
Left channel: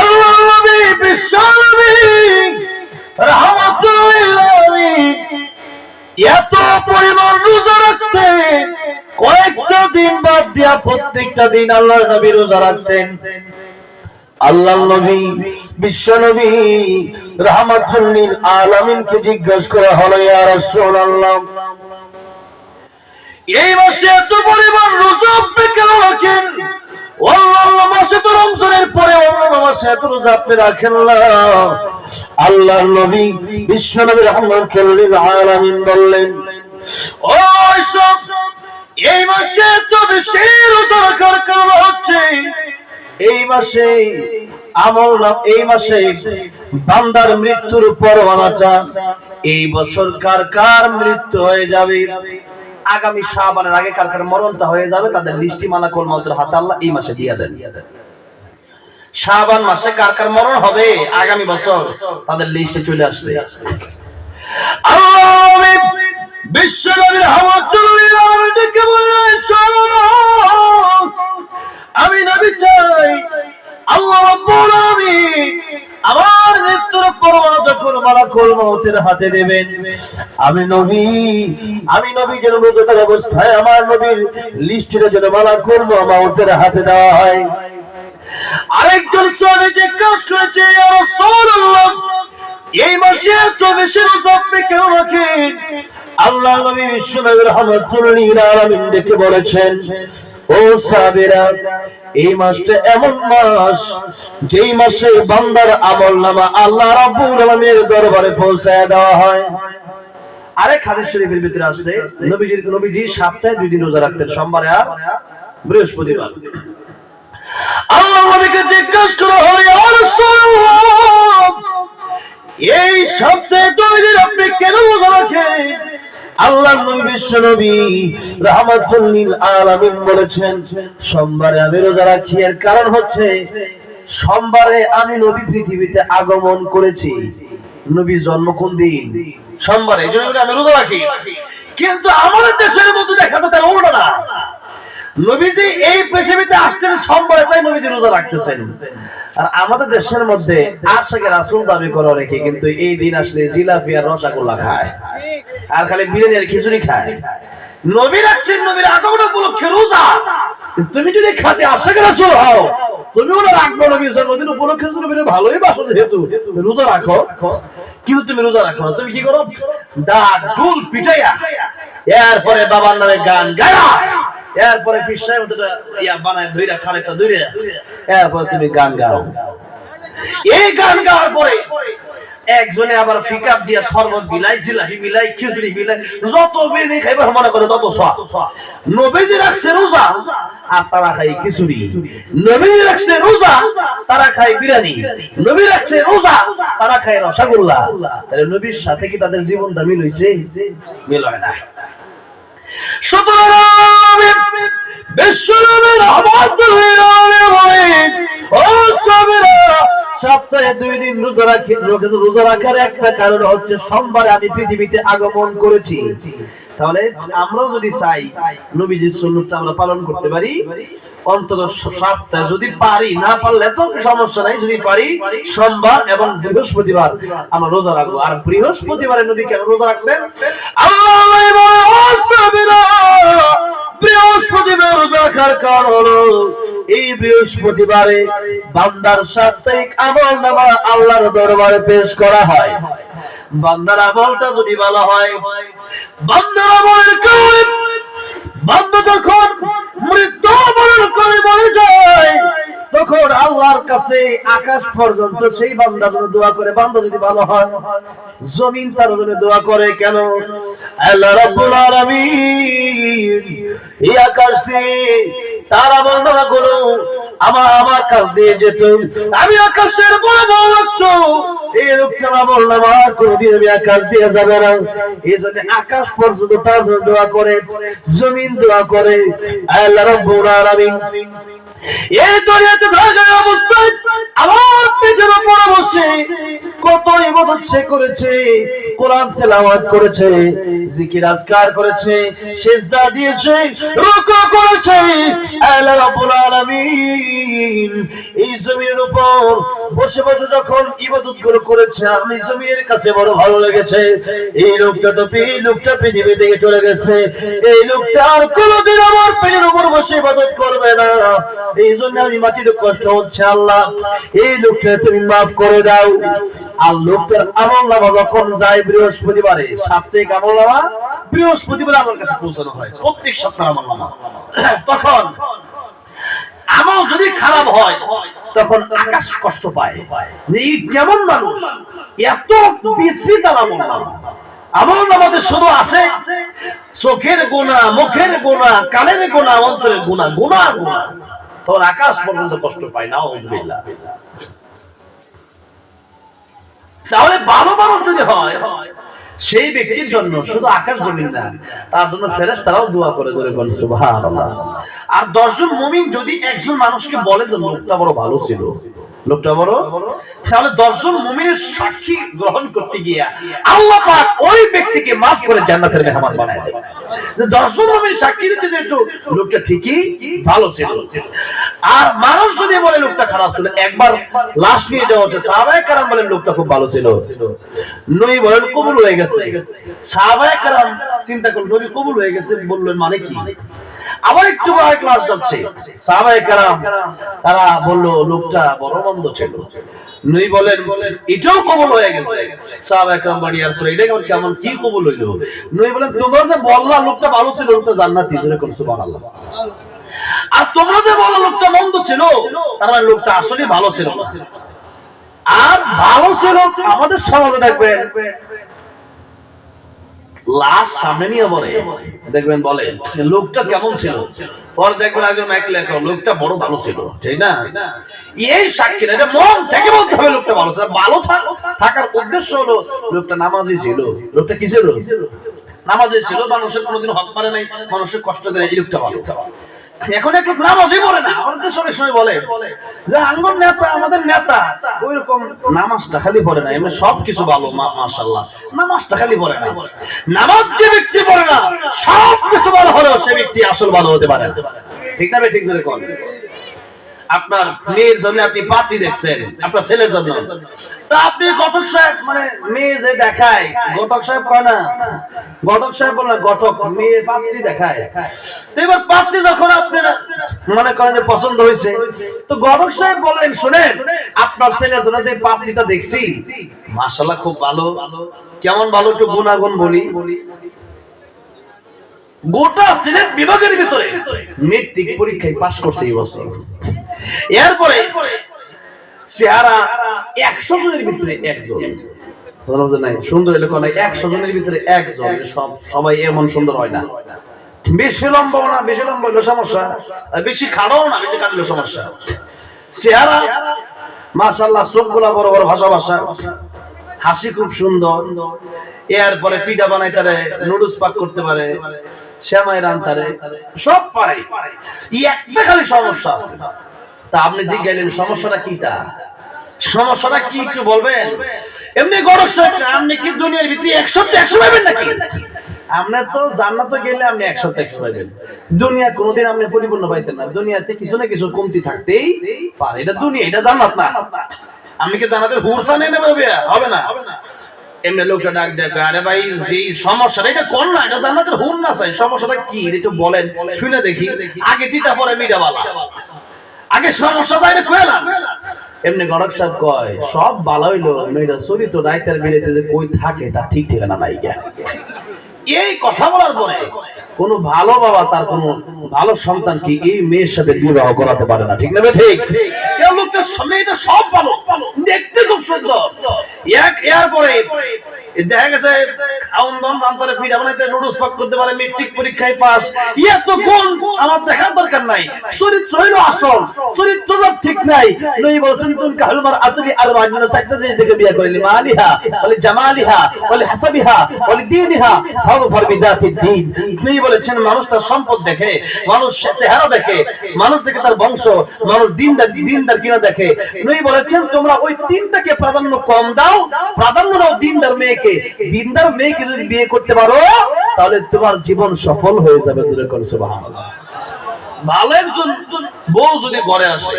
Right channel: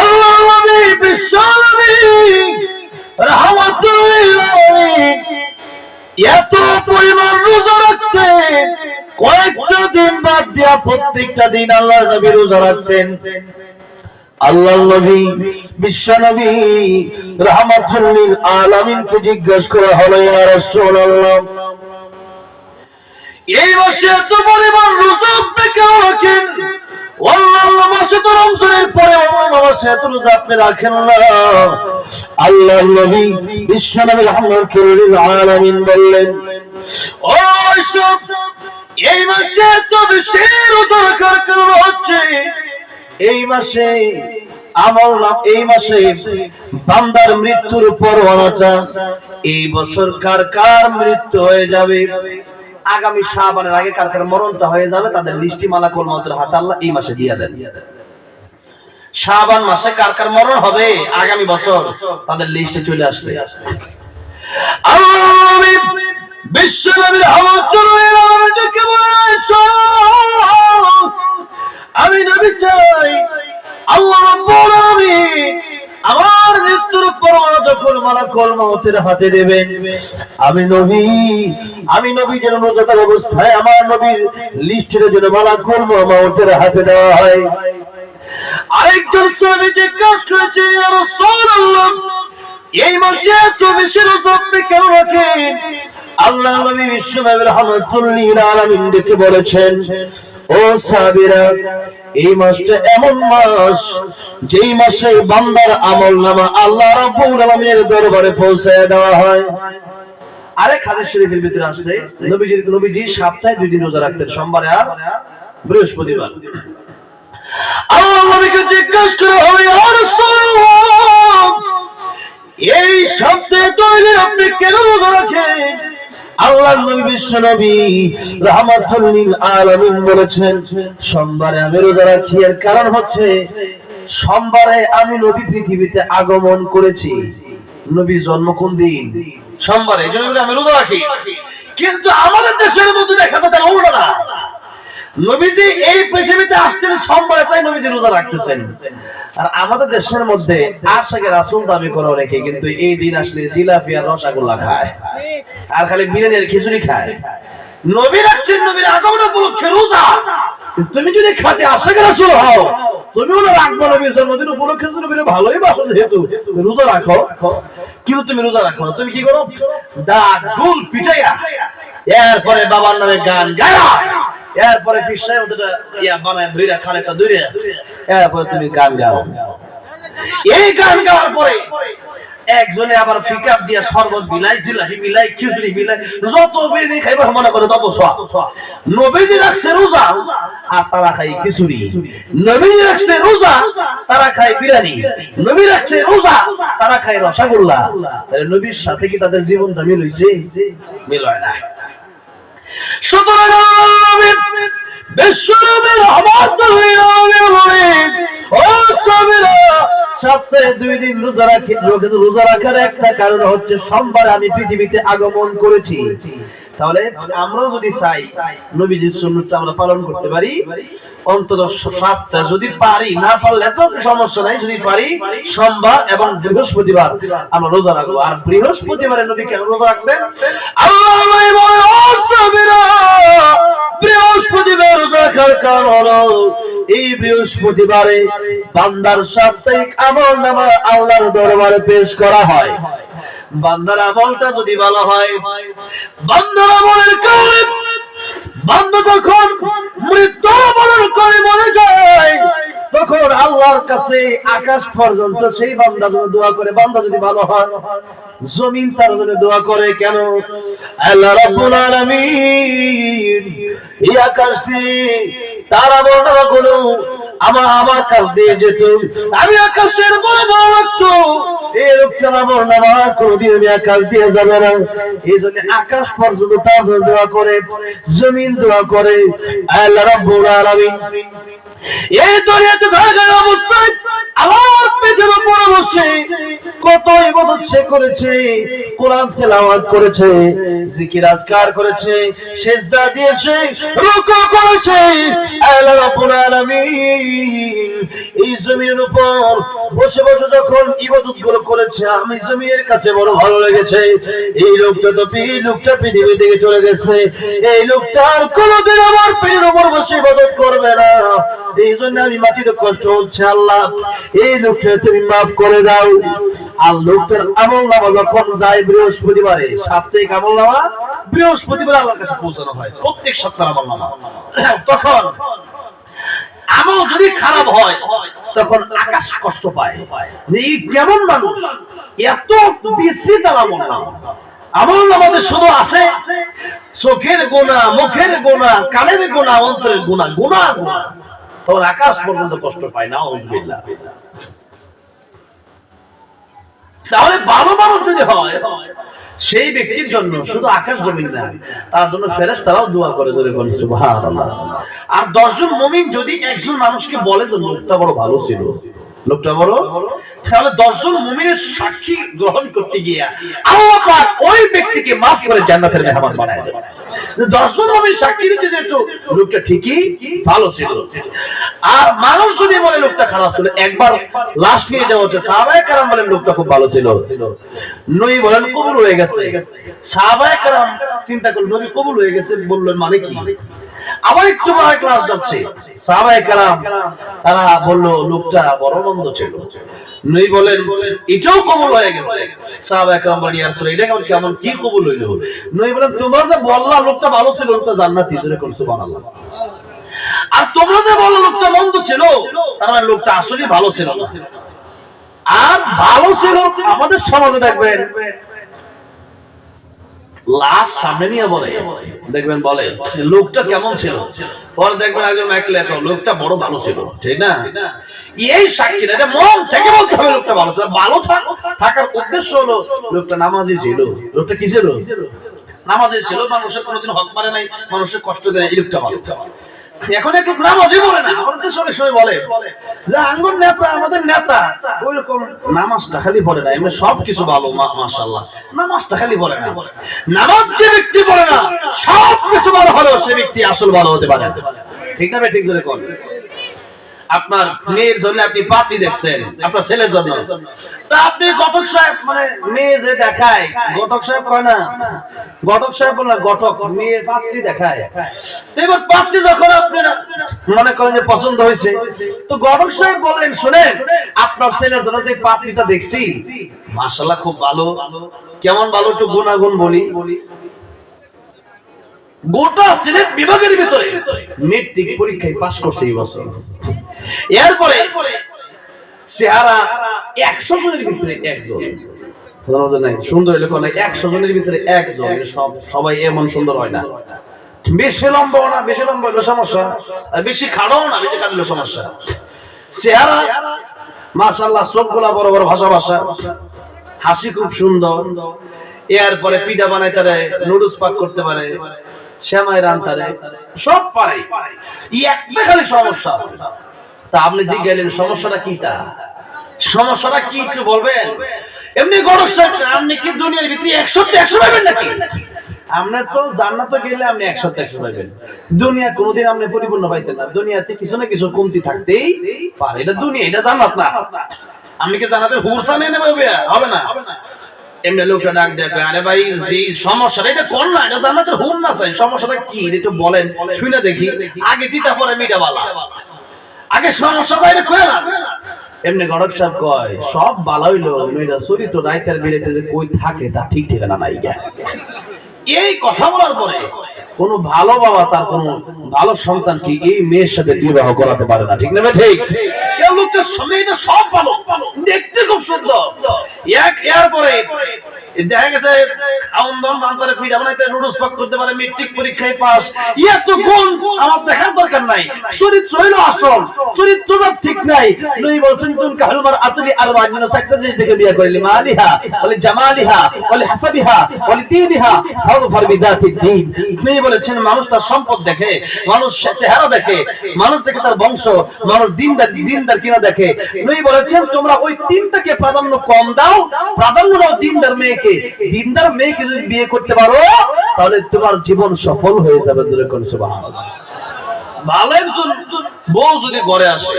আল্লাহর নবী বিশ্বনবী রাহমাতুল লিল আলামিন এত পরিমাণ রোজা রাখতেন, কয়েকটা দিন বাদ দিয়া প্রত্যেকটা দিন আল্লাহর নবী রোজা রাখতেন। আল্লাহর নবী বিশ্বনবী রাহমাতুল লিল আলামিনকে জিজ্ঞাসা করা হলো, ইয়া রাসূলুল্লাহ, এই মাসে এত পরিমাণ রোজা আপনি কেন রাখেন? অন্যান্য মাসে তো রমজানের পরে অন্যান্য মাসে এত রোজা আপনি রাখেন না। আল্লাহর নবী বিশ্বনবী রাহমাতুল লিল আলামিন বললেন, ও সব, এই মাসে এত বেশি রোজা রাখার কারণ হচ্ছে এই মাসে এই মাসে বান্দার মৃত্যুর পরোয়ানা। এই বছর কার মৃত্যু হয়ে যাবে, আগামী শাবানের আগে কার মরণটা হয়ে যাবে, তাদের লিস্টি মালাকুল মউতের হাতে আল্লাহ এই মাসে দিয়ে দেন। শাবান মাসে কার মরণ হবে আগামী বছর, তাদের লিস্টে চলে আসছে। আল্লাহ বিশ্বনবী রাহমাতুল লিল আলামিনকে বলেন, আমি নবী চাই আল্লাহ রাব্বুল আলামিন আমার মৃত্যুর পরোয়ানা যখন মালাকুল মউতের হাতে দেবেন, আমি নবী যেন রোজাদার অবস্থায় আমার নবীর লিস্টে যেন মালাকুল মউতের হাতে দেওয়া হয়। আরেকজন সাহাবী জিজ্ঞাসা করেছে, ইয়া রাসূলুল্লাহ, এই মাসে এত বেশি রোজা আপনি কেন রাখেন? আল্লাহর নবী বিশ্বনবী রাহমাতুল লিল আলামিন ডেকে বলেছেন, ও সাহাবীরা, এই মাসটা এমন মাস যেই মাসে বান্দার আমলনামা আল্লাহ রাব্বুল আলামিনের দরবারে পৌঁছায় দেওয়া হয়। আরেক হাদিস শরীফের ভিতরে আছে নবীজি সপ্তাহে 2 দিন রোজা রাখতেন, সোমবার আর বৃহস্পতিবার। আল্লাহ নবীকে জিজ্ঞাসা করা হয়, ইয়া রাসূলুল্লাহ, এই সপ্তাহে 2 দিন আপনি কেন রোজা রাখেন? আল্লাহর নবী বিশ্ব নবী রাহমাতুল লিল আলামিন বলেছেন, সোমবারে আমি রোজা রাখি এর কারণ হচ্ছে সোমবারে আমি নবী পৃথিবীতে আগমন করেছি। নবীর জন্ম কোন দিন? সোমবারে, এজন্য আমি রোজা রাখি। কিন্তু আমাদের দেশের মধ্যে দেখা যায় তাই উল্টো না। নবীজি এই পৃথিবীতে আসছেন সোমবারে, তাই নবীজি রোজা রাখতেছেন। আর আমাদের দেশের মধ্যে আশিকে রাসূল দাবি করে অনেকে, কিন্তু এই দিন আসলে জিলাপি আর রসগোল্লা খায় আর খালি বিরিয়ানি আর খিচুড়ি খায়। নবী রাখছেন, নবীর আগমন উপলক্ষে রোজা। তুমি যদি খাতে আশিকে রাসূল হও, তুমিও না রাখবো নবীর জন্মদিন উপলক্ষে, নবীর ভালোই বাসো যেহেতু রোজা রাখো। কিন্তু তুমি রোজা রাখো না, তুমি কি করো? ডাক ঢোল পিটাইয়া, এরপরে বাবার নামে গান গায়া, এরপরে পিসায় ওটা ইয়া বানায় ধইরা খালেটা ধইরা, এরপরে তুমি গান গাও। এই গান গাওয়ার পরে একজনে আবার ফিকাপ দিয়া শরবত বিলাই, জিলাপি বিলাই, খিচুড়ি বিলাই, যত বিরিয়ানি খাইবে মনে করে তত সওয়াব। নবীজি রাখছে রোজা আর তারা খায় খিচুড়ি। নবীজি রাখছে রোজা, তারা খায় বিরিয়ানি। নবী রাখছে রোজা, তারা খায় রসগোল্লা। তাহলে নবীর সাথে কি তাদের জীবনটা মিল হইছে? মিল হয় না। সুতরাং বিশ্বনবীর রাহমাতুল লিল আলামিন ও সাহাবীরা, সপ্তাহে 2 দিন রোজা রাখি। রোজা রাখার একটা কারণ হচ্ছে সোমবারে আমি পৃথিবীতে আগমন করেছি। তাহলে আমরাও যদি চাই নবীজির সুন্নাতটা আমরা পালন করতে পারি, অন্তত সপ্তাহে যদি পারি, না পারলে তো সমস্যা নাই, যদি পারি সোমবার এবং বৃহস্পতিবার আমরা রোজা রাখবো। আর বৃহস্পতিবারে নবী কেন রোজা রাখতেন? বৃহস্পতিবার রোজা রাখার কারণ হলো এই বৃহস্পতিবারে বান্দার সাপ্তাহিক আমলনামা আল্লাহর দরবারে পেশ করা হয়। বান্দার আমলটা যদি ভালো হয়, বান্দার আমলের কারণে বান্দা যখন মৃত্যু বরণ করে মরে যায়, তখন আল্লাহর কাছে আকাশ পর্যন্ত সেই বান্দার জন্য দোয়া করে। বান্দা যদি ভালো হয়, জমিন তার জন্য দোয়া করে। কেন? আল্লাহ রাব্বুল আলামিন এই আকাশ দিয়ে তারা বর্ণনা করো আমার কাছ দিয়ে যেত, আমি আকাশের বড় বড় রাখতো, এই লোকটা আমার নামা কোনদিন আমি আকাশ দিয়ে যাবে না। এই জন্য আকাশ পর্যন্ত তার জন্য দোয়া করে, জমিন দোয়া করে। আল্লাহ রাব্বুল আলামিন এই দুনিয়াতে থাকার অবস্থায় আমার পেটের উপর বসে কত ইবাদত সে করেছে, কোরআন তেলাওয়াত করেছে, জিকির আজকার করেছে, সিজদা দিয়েছে, রুকু করেছে। আল্লাহ রাব্বুল আলামিন এই জমিনের উপর বসে বসে যখন ইবাদত গুলো করেছে, আমি জমিনের কাছে বড় ভালো লেগেছে। এই লোকটা পৃথিবী থেকে চলে গেছে, এই লোকটা আর কোনোদিন আমার পেটের উপর বসে ইবাদত করবে না। এই জন্য আমি মাটির কষ্ট হচ্ছে, আল্লাহ এই লোকটা তুমি মাফ করে দাও। আর লোকটার আমলনামা যখন যায় বৃহস্পতিবারে, সাপ্তাহিক আমলনামা বৃহস্পতিবার আল্লাহর কাছে পৌঁছানো হয়, প্রত্যেক সপ্তাহের আমলনামা। তখন আমল যদি খারাপ হয়, তখন আকাশ কষ্ট পায় যে এই কেমন মানুষ, এত বিস্তৃত আমলনামা। আমলনামাতে শুধু আছে চোখের গোনা, মুখের গোনা, কানের গোনা, অন্তরের গোনা, গোনা গোনা। তখন আকাশ পর্যন্ত কষ্ট পায় না। আউযুবিল্লাহ। তাহলে ভালো মানুষ যদি হয়, সেই ব্যক্তির জন্য শুধু আকাশ জমিন না, তার জন্য ফেরেশতারাও দোয়া করে, জোরে বলেন সুবহানাল্লাহ। আর 10 জন মুমিন যদি একজন মানুষকে বলে যে লোকটা বড় ভালো ছিল, লোকটা বড়, তাহলে 10 জন মুমিনের সাক্ষী গ্রহণ করতে গিয়া আল্লাহ পাক ওই ব্যক্তিকে maaf করে জান্নাতের মেহমান বানায় দেন। যে 10 জন মুমিন সাক্ষী দিচ্ছে যে লোকটা ঠিকই ভালো ছিল। আর মানুষ যদি বলে লোকটা খারাপ ছিল, একবার লাশ নিয়ে যাওয়া হচ্ছে, সাহাবায়ে কেরাম বলেন লোকটা খুব ভালো ছিল, নবী বলেন কবুল হয়ে গেছে। সাহাবায়ে কেরাম চিন্তা করলেন নবী কবুল হয়ে গেছে, বললেন মানে কি? আবার একটু পরে ক্লাস যাচ্ছে, সাহাবায়ে কেরাম তারা বলল লোকটা বড় মন্দ ছিল। নবী বলেন এটাও কবুল হয়ে গেছে। সাহাবায়ে কেরাম বলেন ইয়া রাসূলুল্লাহ, এটা কেমন কি কবুল হইলো? নবী বলেন তোমরা যে বললা লোকটা ভালো ছিল, লোকটা জান্নাতি, জোরে বলেন সুবহানাল্লাহ। আর তোমরা যে বলো লোকটা মন্দ ছিল, তার মানে লোকটা আসলে ভালো ছিল না। আর ভালো ছিল আমাদের সমাজে দেখবেন লাশ সামনে নিয়ে বলে, দেখবেন বলে লোকটা কেমন ছিল, পরে দেখবেন একজন মাইকলে তো লোকটা বড় ভালো ছিল, ঠিক না? এই সাক্ষী এটা মন থেকে বলতে হবে লোকটা ভালো ছিল। ভালো থাকার উদ্দেশ্য হলো লোকটা নামাজি ছিল, লোকটা কি ছিল? নামাজে ছিল, মানুষের কোনোদিন হক মারে নাই, মানুষের কষ্ট দেয়, এই লোকটা ভালো। এখন একটু নামাজই পড়ে না, আমাদের সঙ্গে সঙ্গে বলে যে আঙ্গুর নেতা, আমাদের নেতা ওই রকম নামাজটা খালি পড়ে না, এমনি সবকিছু ভালো মাশাআল্লাহ, নামাজটা খালি পড়ে না। নামাজ যে ব্যক্তি পড়ে না, সবকিছু ভালো হলেও সে ব্যক্তি আসল ভালো হতে পারে, ঠিক না? ঠিক ধরে কোন আপনার মেয়ের জন্য আপনি পাত্রী দেখছেন, আপনার ছেলের জন্য, তা আপনি ঘটক সাহেব মানে মেয়ে যে দেখায়, ঘটক সাহেব কয় না, ঘটক সাহেব বলে ঘটক, মেয়ে পাত্রী দেখায়। এবার পাত্রী যখন আপনার মনে করেন যে পছন্দ হয়েছে, তো ঘটক সাহেব বললেন শুনেন, আপনার ছেলের জন্য যে পাত্রীটা দেখছি মাশাআল্লাহ খুব ভালো। কেমন ভালো একটু গুণাগুণ বলি। গোটা সিলেট বিভাগের ভিতরে মেট্রিক পরীক্ষায় পাস করছে এই বছর। এরপরে চেহারা 100 জনের ভিতরে একজন, সুন্দর এলাকা 100 জনের ভিতরে একজন, সবাই এমন সুন্দর হয় না। বেশি লম্বা না, বেশি লম্বা হলো সমস্যা, বেশি খাড়াও না, বেশি খাড়া সমস্যা। চেহারা মাশাআল্লাহ, চোখগুলা বড় বড়, ভাষা ভাষা, হাসি খুব সুন্দর। এরপরে পিঠা বানাইতে পারে, নুডলস পাক করতে পারে, শ্যামাই রান্তারে, সব পারে। একটা খালি সমস্যা আছে। তা আপনি জিজ্ঞাসা সমস্যাটা কি? তা সমস্যাটা কি একটু বলবেন? এমনি গড়ক সাহেব, আপনি কি দুনিয়ার ভিতরে 100 পাবেন নাকি? আপনার তো জান্নাতে গেলে আপনি 100 পাবেন, দুনিয়া কোনোদিন আপনি পরিপূর্ণ পাইতেন না। দুনিয়াতে কিছু না কিছু কমতি থাকতেই পারে, এটা দুনিয়া, এটা জান্নাত না। আমি কি জান্নাতের হুরসা নেই নেব? হবে না। এমনি লোকটা ডাক দেবে, আরে ভাই যে সমস্যাটা এটা কোন না, এটা জান্নাতের হুর না চাই, সমস্যাটা কি একটু বলেন, শুনে দেখি। আগে দিতা পরে মিটাবালা, আগে সমস্যা যাই কইলাম। এমনি গড়ক সাহেব কয় সব ভালো হইলো, মেয়েটা চরিত্র রাইতার বিলেতে যে কই থাকে তা ঠিক ঠিকানা নাই। এই কথা বলার পরে কোন ভালো বাবা তার কোন ভালো সন্তান কি এই মেয়ের সাথে বিবাহ করাতে পারে না, ঠিক না? ঠিক। কেউ লোকটার মেয়েটা সব ভালো, দেখতে খুব সুন্দর। এরপরে দেখা গেছে মেট্রিক পরীক্ষায় পাস, এত গুণ আমার দেখার দরকার নাই, চরিত্র হইলো আসল, চরিত্রটা ঠিক নাই। নবী বলেছেন তুমি কাহলমার আতলি আরবাইন, চারটা জিনিস দেখে বিয়ে করলি, মালিহা ওয়ালি জামালিহা ওয়ালি হাসাবিহা ওয়ালি দীনিহা ফাযফার বিযাতিদ দ্বীন। নবী বলেছেন মানুষ তার সম্পদ দেখে, মানুষ চেহারা দেখে, মানুষ দেখে তার বংশ, মানুষ দিনদার কিনা দেখে। নবী বলেছেন তোমরা ওই তিনটাকে প্রাধান্য কম দাও, প্রাধান্য দাও দিনদার মেয়েকে। দিনদার মেয়েকে যদি বিয়ে করতে পারো তাহলে তোমার জীবন সফল হয়ে যাবে। সুবহানাল্লাহ। ভালো একজন বউ যদি ঘরে আসে,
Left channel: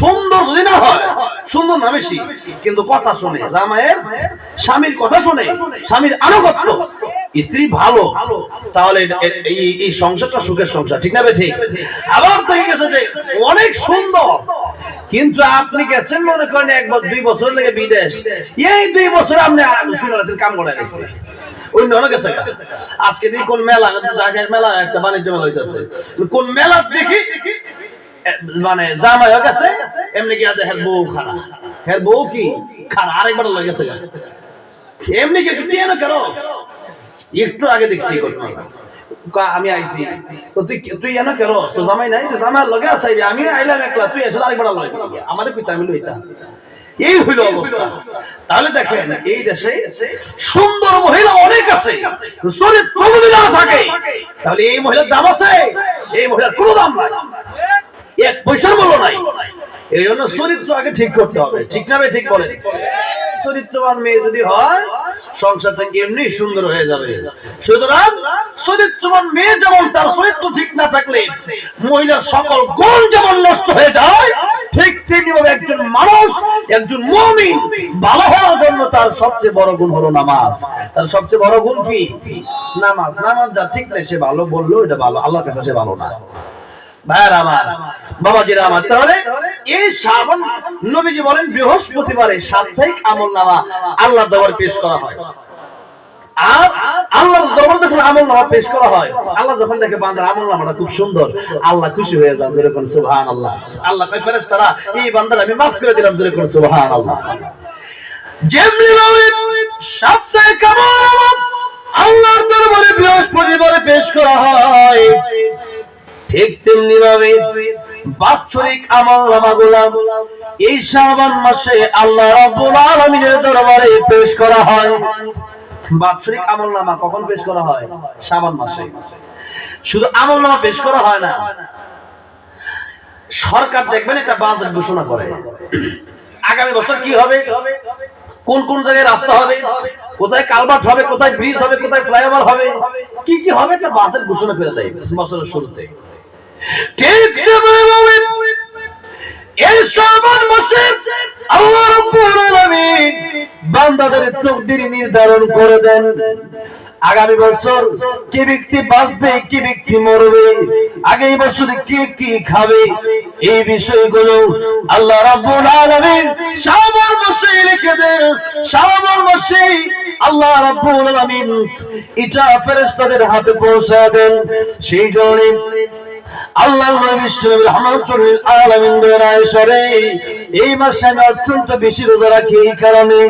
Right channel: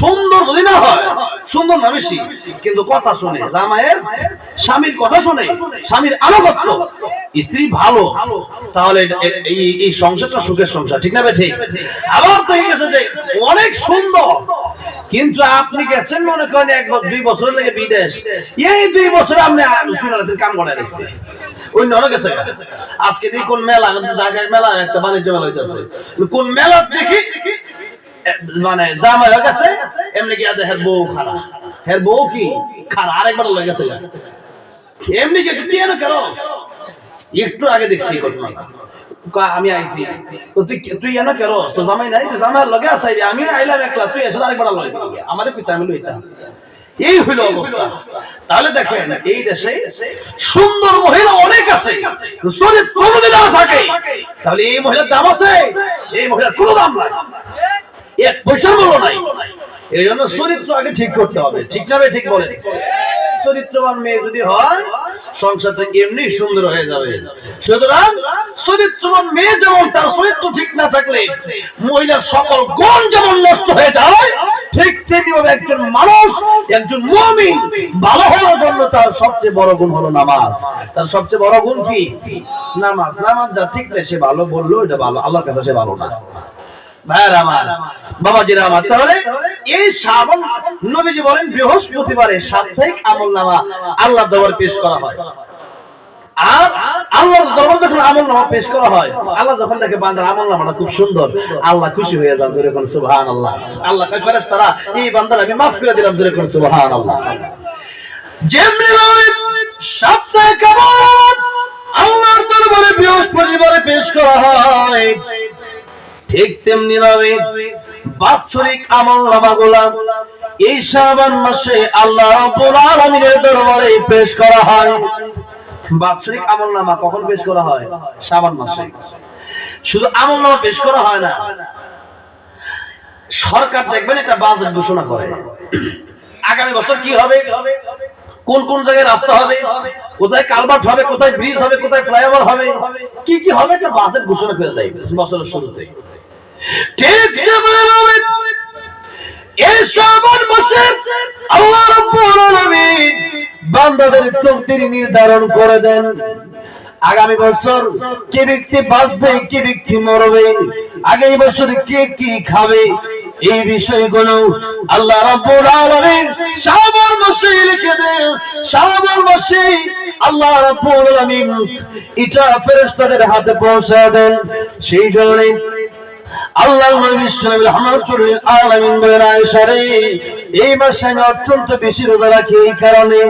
সুন্দর যদি না হয়, সুন্দর না বেশি, কিন্তু কথা শুনে, জামাইয়ের স্বামীর কথা শুনে, স্বামীর আনুগত্য, স্ত্রী ভালো, তাহলে এই সংসারটা সুখের সংসার, ঠিক না? ঠিক। আবার দেখে গেছে যে অনেক সুন্দর, কিন্তু আপনি গেছেন মনে করেন 1-2 বছর লেগে বিদেশ, এই 2 বছর আপনি শুনে কাম করে নিচ্ছে ওই নন গেছে। আজকে দেখি কোন মেলা, ঢাকায় মেলা, একটা বাণিজ্য মেলা হইতেছে, কোন মেলা দেখি মানে জামাই হয়ে গেছে, এমনি কি আছে, হের বউ খারাপ, হের বউ কি খারাপ, আরেকবার লয়ে গেছে এমনি কি কেন কেন? একটু আগে দেখছি আমি আইছি, তুই এনে কেন, তো জামাই নাই, জামাই লগে আছে, আমি আইলাম একলা, তুই এসে আরেকবার লয় আমার পিতা, আমি লইতাম। এই হইল অবস্থা। তাহলে দেখেন এই দেশে সুন্দর মহিলা অনেক আছে, চরিত্র যদি না থাকে তাহলে এই মহিলার দাম আছে? এই মহিলার কোনো দাম নাই, 1 পয়সার মূল্য নাই। এই জন্য চরিত্র আগে ঠিক করতে হবে, ঠিক না? ঠিক বলে। চরিত্রবান মেয়ে যদি হয় সংসারটা এমনি সুন্দর হয়ে যাবে। সুতরাং চরিত্রবান মেয়ে যেমন তার চরিত্র ঠিক না থাকলে মহিলার সকল গুণ যেমন নষ্ট হয়ে যায়, ঠিক সেইভাবে একজন মানুষ, একজন মুমিন ভালো হওয়ার জন্য তার সবচেয়ে বড় গুণ হলো নামাজ। তার সবচেয়ে বড় গুণ কি? নামাজ। নামাজ যা ঠিক নেই সে ভালো বললো এটা ভালো, আল্লাহর কাছে সে ভালো না। ভাইরা আমার, বাবাজিরা আমার, তাহলে এই শ্রাবণ নবীজি বলেন বৃহস্পতিবারে সাপ্তাহিক আমলনামা আল্লাহর দরবারে পেশ করা হয়। আর আল্লাহর দরবারে যখন আমলনামা পেশ করা হয়, আল্লাহ যখন দেখে বান্দার আমলনামাটা খুব সুন্দর, আল্লাহ খুশি হয়ে যান। যেরকম সুবহানাল্লাহ। আল্লাহ কয় ফেরেশতারা এই বান্দার আমি maaf করে দিলাম। যেরকম সুবহানাল্লাহ। যেমনি সাপ্তাহিক আমলনামা আল্লাহর দরবারে বৃহস্পতিবারে পেশ করা হয়, ঠিক তেমনি ভাবে বাৎসরিক আমলনামাগুলো এই শাবান মাসে আল্লাহ রাব্বুল আলামিনের দরবারে পেশ করা হয়। বাৎসরিক আমলনামা কখন পেশ করা হয়? শাবান মাসে। শুধু আমলনামা পেশ করা হয় না, সরকার দেখবেন একটা বাজেট ঘোষণা করে, আগামী বছর কি হবে, কোন কোন জায়গায় রাস্তা হবে, কোথায় কালভার্ট হবে, কোথায় ব্রিজ হবে, কোথায় ফ্লাইওভার হবে, কি কি হবে, একটা বাজেট ঘোষণা করে দেয় বছরের শুরুতে। ঠিক তেমনি এই শাবান মাসে আল্লাহ রাব্বুল আলামিন বান্দাদের তাকদীর নির্ধারণ করে দেন। আগামী বছর কি ব্যক্তি বাঁচবে, কি ব্যক্তি মরবে, আগামী বছরে কে কি খাবে, এই বিষয়গুলো আল্লাহ রাব্বুল আলামিন শাবান মাসে লিখে দেন। শাবান মাসে আল্লাহ রাব্বুল আলামিন এটা ফেরেশতাদের হাতে পৌঁছায় দেন। সেই জন্য আল্লাহর নবী বিশ্বনবী রাহমাতুল আলামিন বলেন, আয়েশা রে, এই মাসে আমি অত্যন্ত বেশি রোজা রাখি এই কারণে,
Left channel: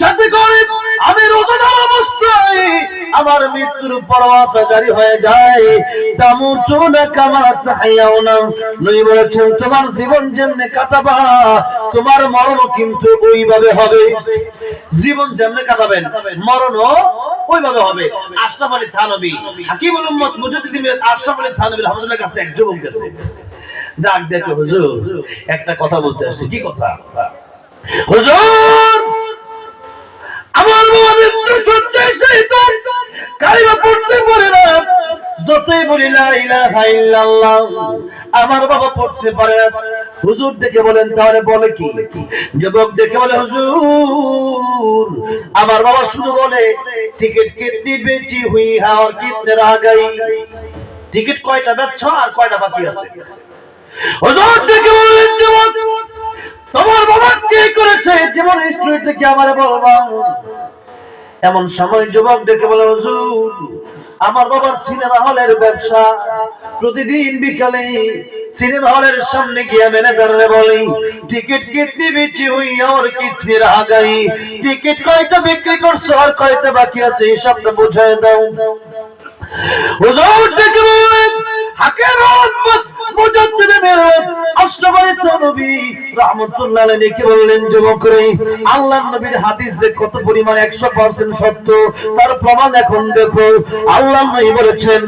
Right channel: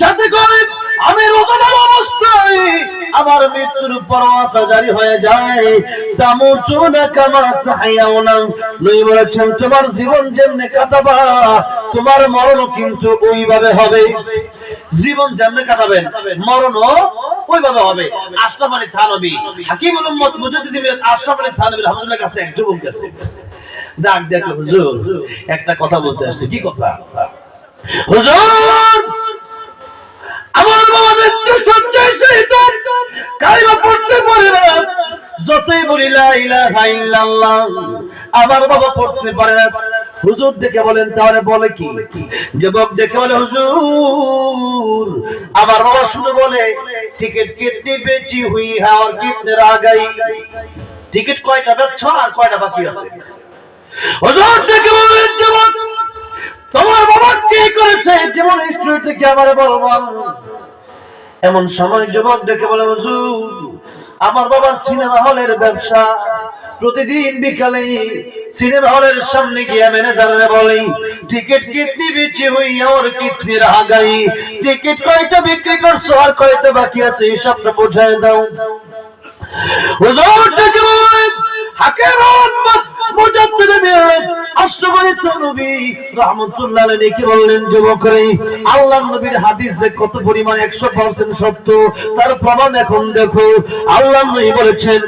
যাতে করে আমি রোজাদার অবস্থায় আমার মৃত্যুর পরোয়াটা জারি হয়ে যায়। তামুতুনা কামা তাহইয়াউনা, নবী বলেছেন তোমার জীবন যেমনে কাটাবা তোমার মরণও কিন্তু ওইভাবে হবে। জীবন যেমনে কাটাবেন মরণও ওইভাবে হবে। আশরাফ আলী থানভী, হাকিমুল উম্মত মুজাদ্দিদ আশরাফ আলী থানভী রাহমাতুল্লাহ কাছে এক যুবক গেছে, ডাক দেখলো, হুজুর একটা কথা বলতে আসছে। কি কথা? হুজুর, আমার বাবা মৃত্যু শয্যায় শহীদ, কালিমা পড়তে পারে না, যতই বলি লা ইলাহা ইল্লাল্লাহ আমার বাবা পড়তে পারে না। হুজুর দেখে বলেন, তাহলে বলে কি? যুবক দেখে বলে, হুজুর আমার বাবা শুধু বলে টিকিট কিতনি বেচি হুই হ্যাঁ আর কিতনে রহ গই, টিকিট কয়টা বেচছো আর কয়টা বাকি আছে। হুজুর দেখে বলেন, যুবক তোমার বাবা কি করেছে যেমন হিস্ট্রি থেকে আমারে বলবা। এমন সময় যুবক ডেকে বলে, হুজুর আমার বাবার সিনেমা হলের ব্যবসা, প্রতিদিন বিকালে সিনেমা হলের সামনে গিয়ে ম্যানেজাররে বলি টিকিট কিতনি বেচি হুই আর কিতনি রহ গই, টিকিট কয়টা বিক্রি করছো আর কয়টা বাকি আছে হিসাবটা বুঝায় দাও। হুজুর ডেকে বলে, হাকিম উম্মত মুজাদ্দিদ আশরাফ আলী থানভী রাহমাতুল্লাহ আলাইহি বললেন, যুবক রে, আল্লাহর নবীর হাদিস যে কত পরিমাণ 100% সত্য তার প্রমাণ এখন দেখো। আল্লাহর নবী বলেছেন,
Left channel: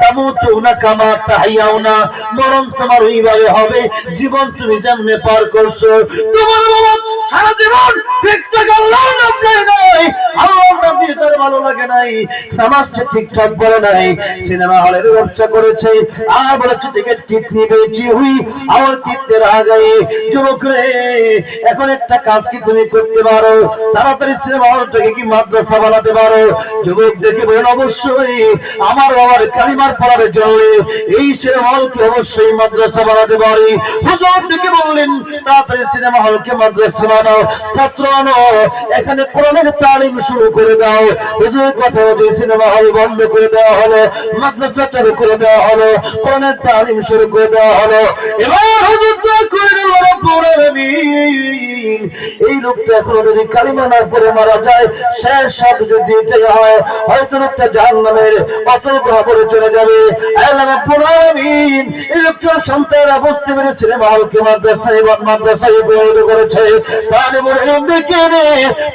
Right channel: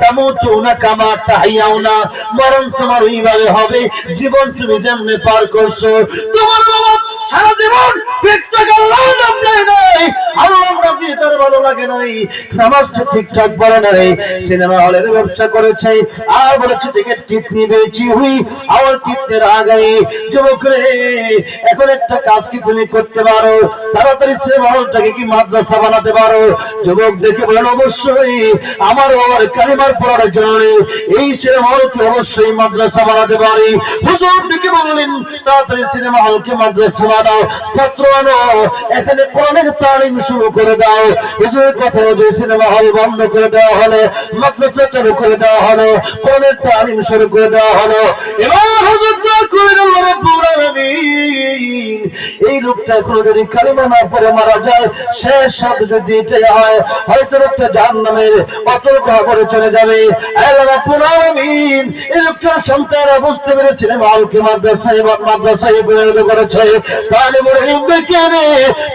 তামুতুনা কামা তাহইয়াউনা, মরণ তোমার ওইভাবে হবে জীবন তুমি যেমনে পার করছো। তোমার বাবা সারা জীবন ঠিকঠাক আল্লাহর নাম নেয় নাই, আল্লাহর নাম দিয়ে তার ভালো লাগে নাই, নামাজটা ঠিকঠাক পড়ে নাই, সিনেমা হলের ব্যবসা করেছে, আর বলেছে টিকিট কিতনি বেচি হুই আর কিতনে রহ গই। যুবক রে, এখন একটা কাজ কি তুমি করতে পারো, তাড়াতাড়ি সিনেমা হলটাকে কি মাদ্রাসা বানাতে পারো? যুবক দেখে বলেন, অবশ্যই আমার বাবার কালিমার পড়ার জন্য এই সিনেমা হলকে অবশ্যই মাদ্রাসা বানাতে পারি। হুজুর দেখে বললেন, তাড়াতাড়ি সিনেমা হলকে মাদ্রাসা বানাও, ছাত্র আনো, এখানে কোরআনের তালিম শুরু করে দাও। হুজুরের কথা অনুযায়ী সিনেমা হল বন্ধ করে দেওয়া হলো, মাদ্রাসা চালু করে দেওয়া হলো, কোরআনের তালিম শুরু করে দেওয়া হলো। এবার হুজুর দোয়া করেন, আল্লাহ রাব্বুল আলামিন এই লোকটা কোনো যদি কালিমা না পড়ে মারা যায়, শেষ শব্দ যদি এটাই হয়, হয়তো লোকটা জাহান্নামের অতল গহ্বরে চলে যাবে। আল্লাহ রাব্বুল আলামিন এই লোকটার সন্তানরা বুঝতে পেরে সিনেমা হলকে মাদ্রাসায় পরিণত করেছে, তালিমুল ইলম দেখে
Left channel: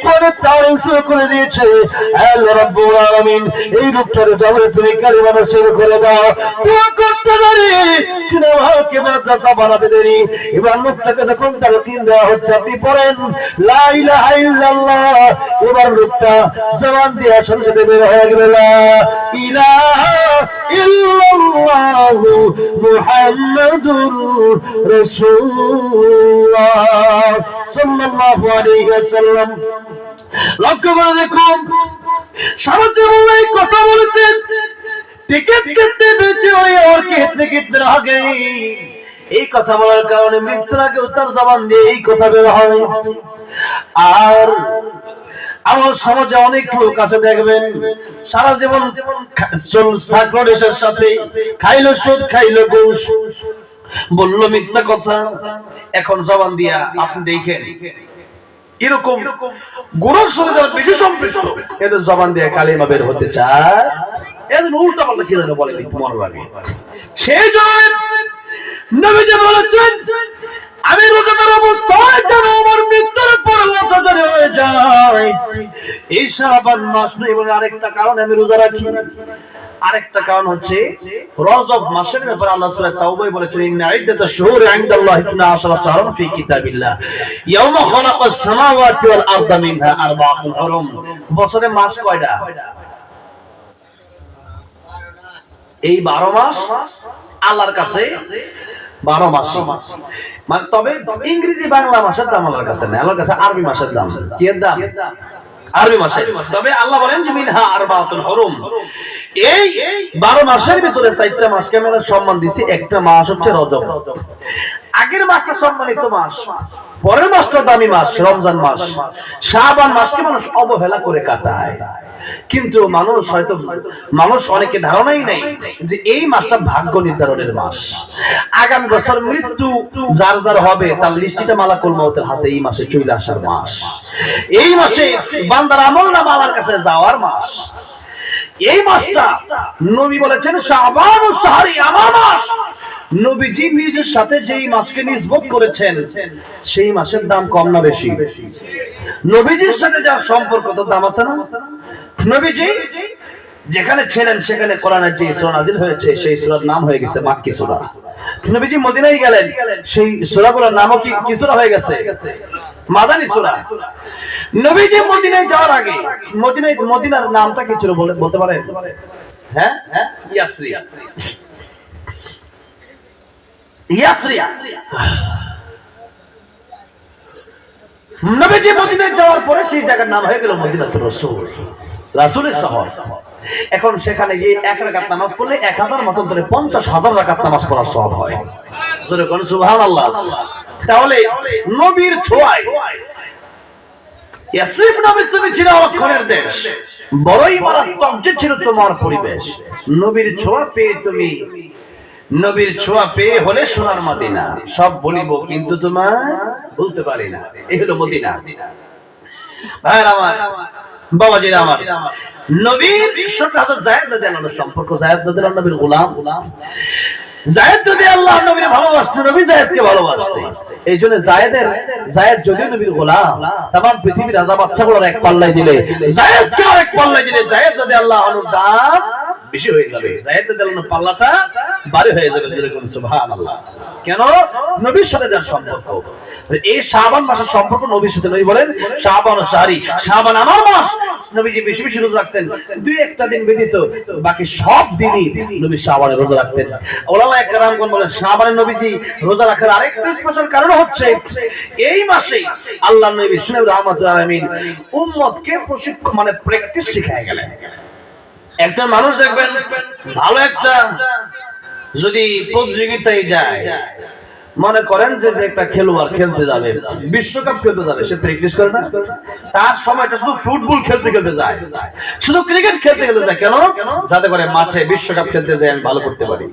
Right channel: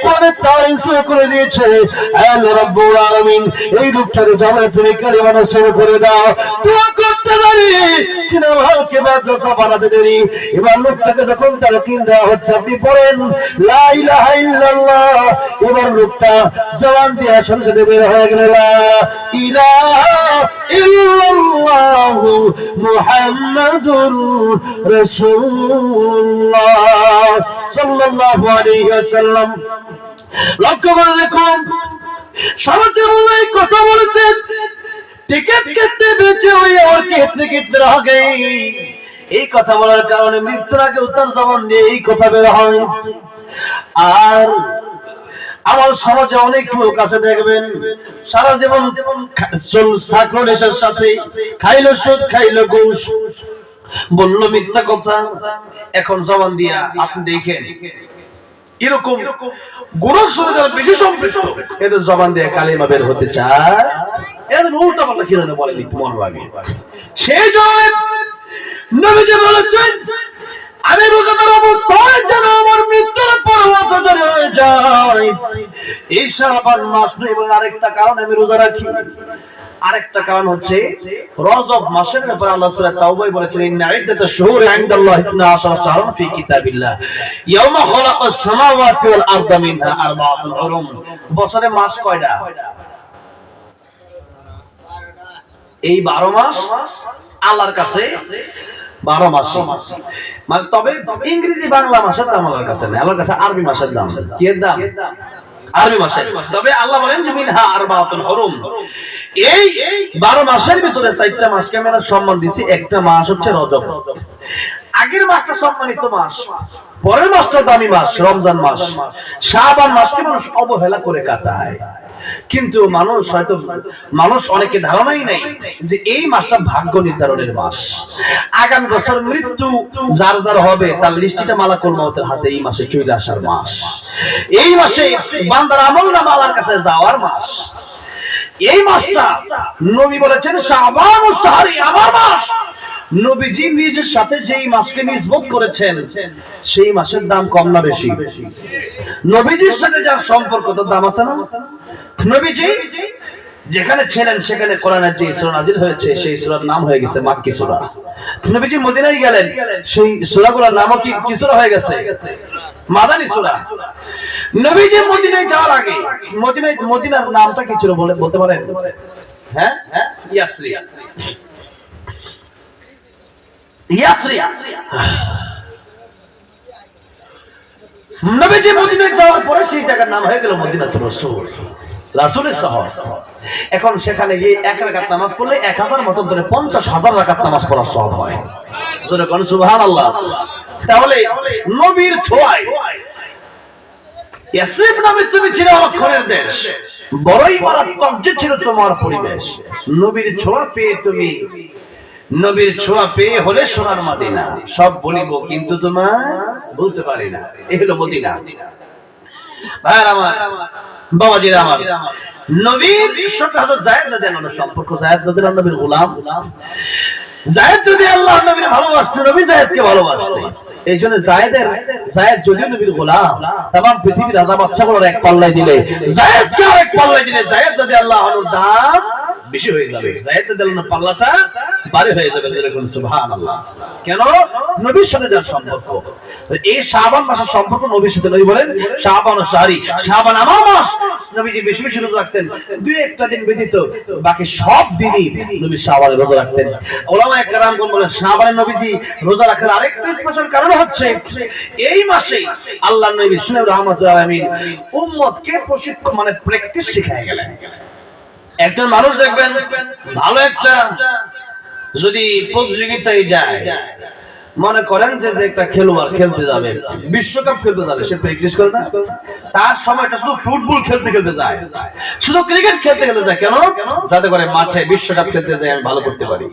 কোরআনের তালিম শুরু করে দিয়েছে। আল্লাহ রাব্বুল আলামিন এই লোকটার জবানে তুমি কালিমা নসিব করে দাও। দোয়া করতে দেরি, সিনেমা হলকে মাদ্রাসা বানাতে দেরি। এবার লোকটাকে যখন তালকিন দেওয়া হচ্ছে, আপনি পড়েন লা ইলাহা ইল্লাল্লাহ, এবার লোকটা জবান দিয়ে সাথে সাথে বের হয়ে গেল লা ইলাহা ইল্লাল্লাহ মুহাম্মাদুর রাসূলুল্লাহ সাল্লাল্লাহু আলাইহি ওয়াসাল্লাম। লক্ষ্য করে দেখুন, সারা জীবন এই কথা বলেছেন, টিকিট কিতনে বেচে হুই আর কিতনে কিতনে রহ গই, এই কথা বলার কারণে মৃত্যুর আগে তার জবান দিয়ে এই কথা বের হয়। আর আমার সমাজে অনেক লোক আছে দেখবেন, সারা জীবন থাকলো দেশের সাথে, খাইলো সুদ, খাইলো ঘুষ, বললো মিথ্যা কথা, এখন জবান দিয়া আপনি দেখেন এরকম গুনার সাথে যারা বেশি সম্পৃক্ত, এদের জবান দিয়ে কালিমা বের হতে চায়, এদের উল্টা পাল্টা কি যেন বলে একটু মনে লাগে। সেই জন্য নবীজি বলেছেন, আমি রোজাদার অবস্থায় যেন আমার মৃত্যুর পরবর্ত হয়ে যায়, এই শাবান মাস নয়। এবং আরেকটা কারণ আমি রোজা রাখি, আরেকটা কারণ হচ্ছে রজব মাসের ব্যাপারে আল্লাহ সূরা তাওবায় বলেছেন, ইন্না ইদ্দাতাশ শুহুরি ইনদাল্লাহি 12 শাহরান ফি কিতাবিল্লাহ ইয়াওমা খালাকাস সামাওয়াতি ওয়াল আরদা মিনহা আরবাআতুন হুরুম। বছরে মাস কয়টা? এই 12 মাস আল্লাহর কাছে 12 মাস। মানে তবে ইংরেজি বাংলা মাসের দাম আল্লাহর কাছে না, আল্লাহর কাছে আরবি মাসের দাম। কি এর দাম? আরবি মাসের। তবে আল্লাহ বলেন যে মিনহা আরবাআতুন হুরুম, এই 12 মাসের ভিতরে 4টা মাসকে আমরা সম্মান দিছি। একটা মাস হচ্ছে রজব, আগের মাসটা সম্মানিত মাস, পরের মাসটা দামি মাস রমজান মাস। শাবান মাসকে মানুষ অবহেলা করে কাটায়, কিন্তু মানুষ অনেকে ধারণাই নেই যে এই মাসটা ভাগ্য নির্ধারণের মাস। আগামী বছর মৃত্যু যার যার হবে তার লিস্টিটা মালাকুল মউতের হাতে এই মাসে চলে আসার মাস। এই মাসে বান্দার আমলনামা আল্লাহর কাছে যাওয়ার মাস। এই মাসটা নবী বলেছেন শাবান ও শাহরি আমার মাস। নবীজি নিজের সাথে যেই মাসকে নিসবত করেছেন সেই মাসের দাম কম না বেশি? নবীজির সাথে যার সম্পর্ক তার দাম আছে না? নবীজি যেখানে ছিলেন সেখানে কোরআনের যে সূরা নাযিল হয়েছে সেই সূরার নাম হয়ে গেছে মাক্কি সূরা। নবীজি মদিনায় গেলেন, সেই সূরাগুলোর নামও কি সূরা হয়ে গেছে? মাদানী সূরা। নবীজি মদিনায় যাওয়ার আগে মদিনার নামটা কি ছিল বলতে পারেন? হ্যাঁ, ইয়াসরি। নবীজি মদিনায় যাওয়ার পরে সেই জায়গার নাম হয়ে গেল মদিনাতুর রাসূল, রাসূলের শহর। এখন সেখানে গিয়ে 1 রাকাত নামাজ পড়লে 1000 মত ধরে 50,000 রাকাত নামাজ পড়ার সওয়াব হয়। সুবহানাল্লাহ। তাহলে নবীর ছোঁয়ায় ইয়াসরিব নামে তুমি ছিল অক্ষরের দেশ, বড়ই মারাত্মক যে ছিল তোমার পরিবেশ। নবীর ছোঁয়া পেয়ে হলে সোনার মদিনা। সব বলিব কিন্তু তোমার বলতে পারি না, এই হলো মদিনা। ভাইরা আমার, বাবাজিরা আমার, নবীর সাথে হযরত যায়েদ রাদিয়াল্লাহু আনহু সম্পর্ক। যায়েদ রাদিয়াল্লাহু আনহু নবীর গোলাম। যায়েদ রাদিয়াল্লাহু আনহু নবীর ভালোবাসছে, নবী যায়েদকে ভালোবাসছে। এইজন্য যায়েদ যদিও নবীর গোলাম, तमाम পৃথিবীর রাজা বাদশাগুলোর এক পাল্লায় দিলে যায়েদকে আরেক পাল্লায় দিলে যায়েদ রাদিয়াল্লাহু আনহুর দাম বেশি হয়ে যাবে, যায়েদ রাদিয়াল্লাহু আনহুর পাল্লাটা ভারী হয়ে যাবে। সুবহানাল্লাহ। কেন? নবীর সাথে যার সম্পর্ক। এই শাবান মাসের সম্পর্ক নবীর সাথে। নবী বলেন শাবান ও শাহরি, শাবান আমার মাস। নবীজি বেশি বেশি রোজা রাখতেন, 2-1টা দিন ব্যতীত বাকি সব দিনই নবী শাবানে রোজা রাখতেন। উলামায়ে কেরামগণ বলেন শাবানে নবীজি রোজা রাখার আরেকটা স্পেশাল কারণ হচ্ছে এই মাসে আল্লাহর নবী সুন্নাহ রাহমাতুল আলামিন উম্মতকে প্রশিক্ষণ প্র্যাকটিস শিখায় গেলেন। একজন মানুষ দেখবেন ভালো একটা যদি প্রতিযোগিতায় যায়, মনে করেন যে একটা খেলোয়াড় খেলতে যাবে, বিশ্বকাপ খেলতে যাবে, সে প্র্যাকটিস করে না? তার সময়টা শুধু ফুটবল খেলতে যায়, শুধু ক্রিকেট খেলতে যায়। কেন? যাতে করে মাঠে বিশ্বকাপ খেলতে যায় আমি ভালো করতে পারি।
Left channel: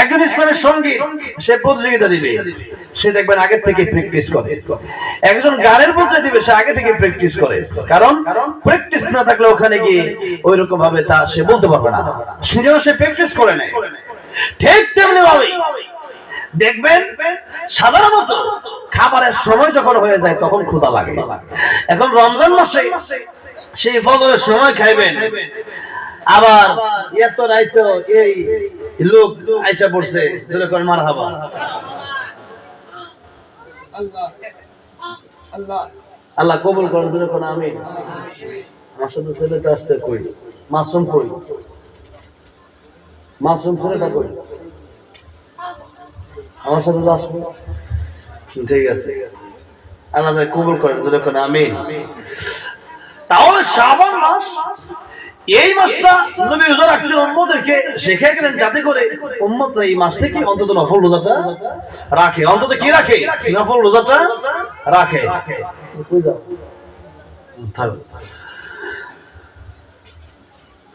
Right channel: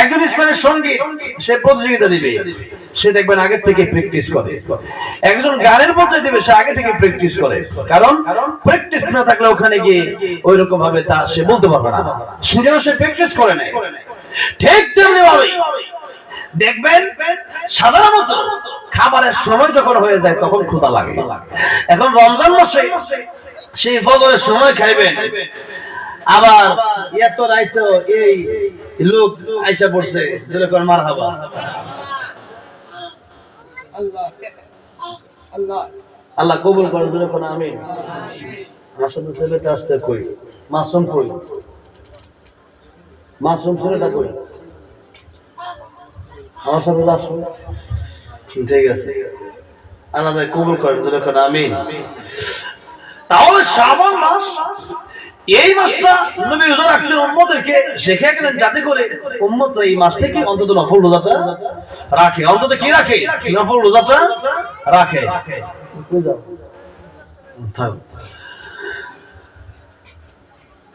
একজন ইসলামের সঙ্গীত, সে প্রতিযোগিতা দিবে, সে দেখবেন আগে থেকে প্র্যাকটিস করে। একজন গানের পর্যায়ে দিবে, সে আগে থেকে প্র্যাকটিস করে। কারণ প্র্যাকটিস না থাকলে ওখানে গিয়ে ওই রকম ভাবে তা সে বলতে পারবে না, সেজন্য সে প্র্যাকটিস করে নেয়। ঠিক তেমনি ভাবে দেখবেন সাধারণত খাবারের সময় যখন হয়ে যায় তখন ক্ষুধা লাগে। এখন রমজান মাসে সেই ফজরের সময় খাইবেন, আবার এত রাইতো এই লোক আইসা পড়ছে, যেরকম মারহাবা আল্লাহ কবুল করেন, যেরকম আমিন। আমার সাথে ছেলেটা আসছে, কই মাসুম, কই মাসুম ছেলেটা, কই আমার সাথে আসো। ঠিক আছে, আল্লাহ কবুল করেন, যেরকম আমিন। তাহলে শাবান মাস, এই মাসটা নবী রোজা রাখতে উম্মতকে শিখিয়ে গেলেন যাতে করে উম্মতরা এই মাস থেকে অন্তত নফল রোজাটা রাখে। অন্তত কি রাখে? নফল রোজাটা রাখে।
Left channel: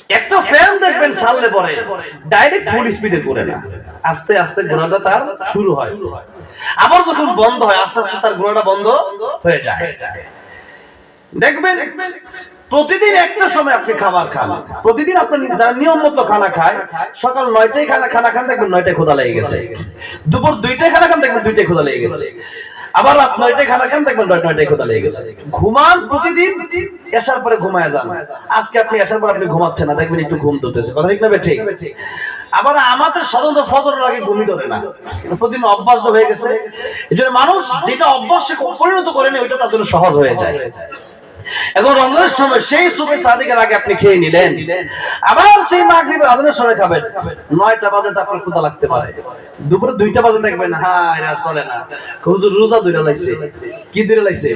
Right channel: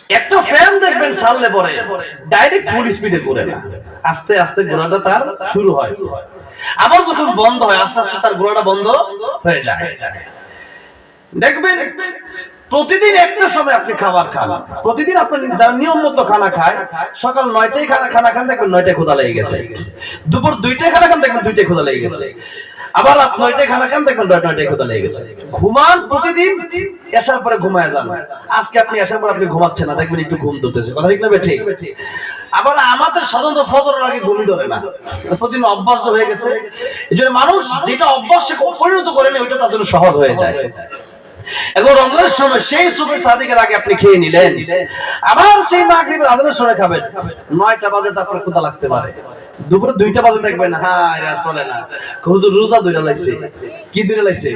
একটা ফ্যান দেখবেন চাললে পরে ডাইরেক্ট ফুল স্পিডে ঘুরে না, আস্তে আস্তে ঘোরাটা তার শুরু হয়, আবার যখন বন্ধ হয় আস্তে আস্তে তার ঘোরাটা বন্ধ হয়ে যায়। দেখবেন প্রতিদিন একটা সময় আপনি খাবার খান, প্রতিদিন আপনি যারা নিয়ম মতো খানা খায়, সকাল 9টায় খানা খান, দেখবেন 9টায় ক্ষুধা লেগে গেছে। দুপুর 2টায় খানা খান, দেখবেন 2টায় ক্ষুধা লেগে গেছে। আবার রাত 9টায় খানা খান, দেখবেন 9টায় ক্ষুধা লেগে গেছে। ঘুমান প্রতিদিন, এসার পরে ঘুমায় যান। আজকে আপনি এসার পর আপনি ঘুমাচ্ছেন না, দেখবেন একটু ঘুম ধরতেছে। কথা ঠিক না ঠিক? আবার আমাদের সাধারণত ফজরের আগে ঘুমই ধরে না, প্রতিদিন অভ্যাস হয়ে গেছে। এই জন্য মানুষ যেটা অভ্যাসে পরিণত করে নেয়, ওইটা তার জন্য সহজ হয়ে যায়। এখন রমজানের সময় সেই সুবহে সাদিকের আগে আপনি খেয়ে নিলেন, আবার সেই মাগরিবের আজানের সময় খাবেন, 9টা বাজে তারপর ক্ষুধা লাগতে পারে। দুপুরে 2টা বাজে দেখবেন হ্যাঁ আর চলে না, হুজুর রোজা ধরে লাইছে। কি ধরে লাইছে?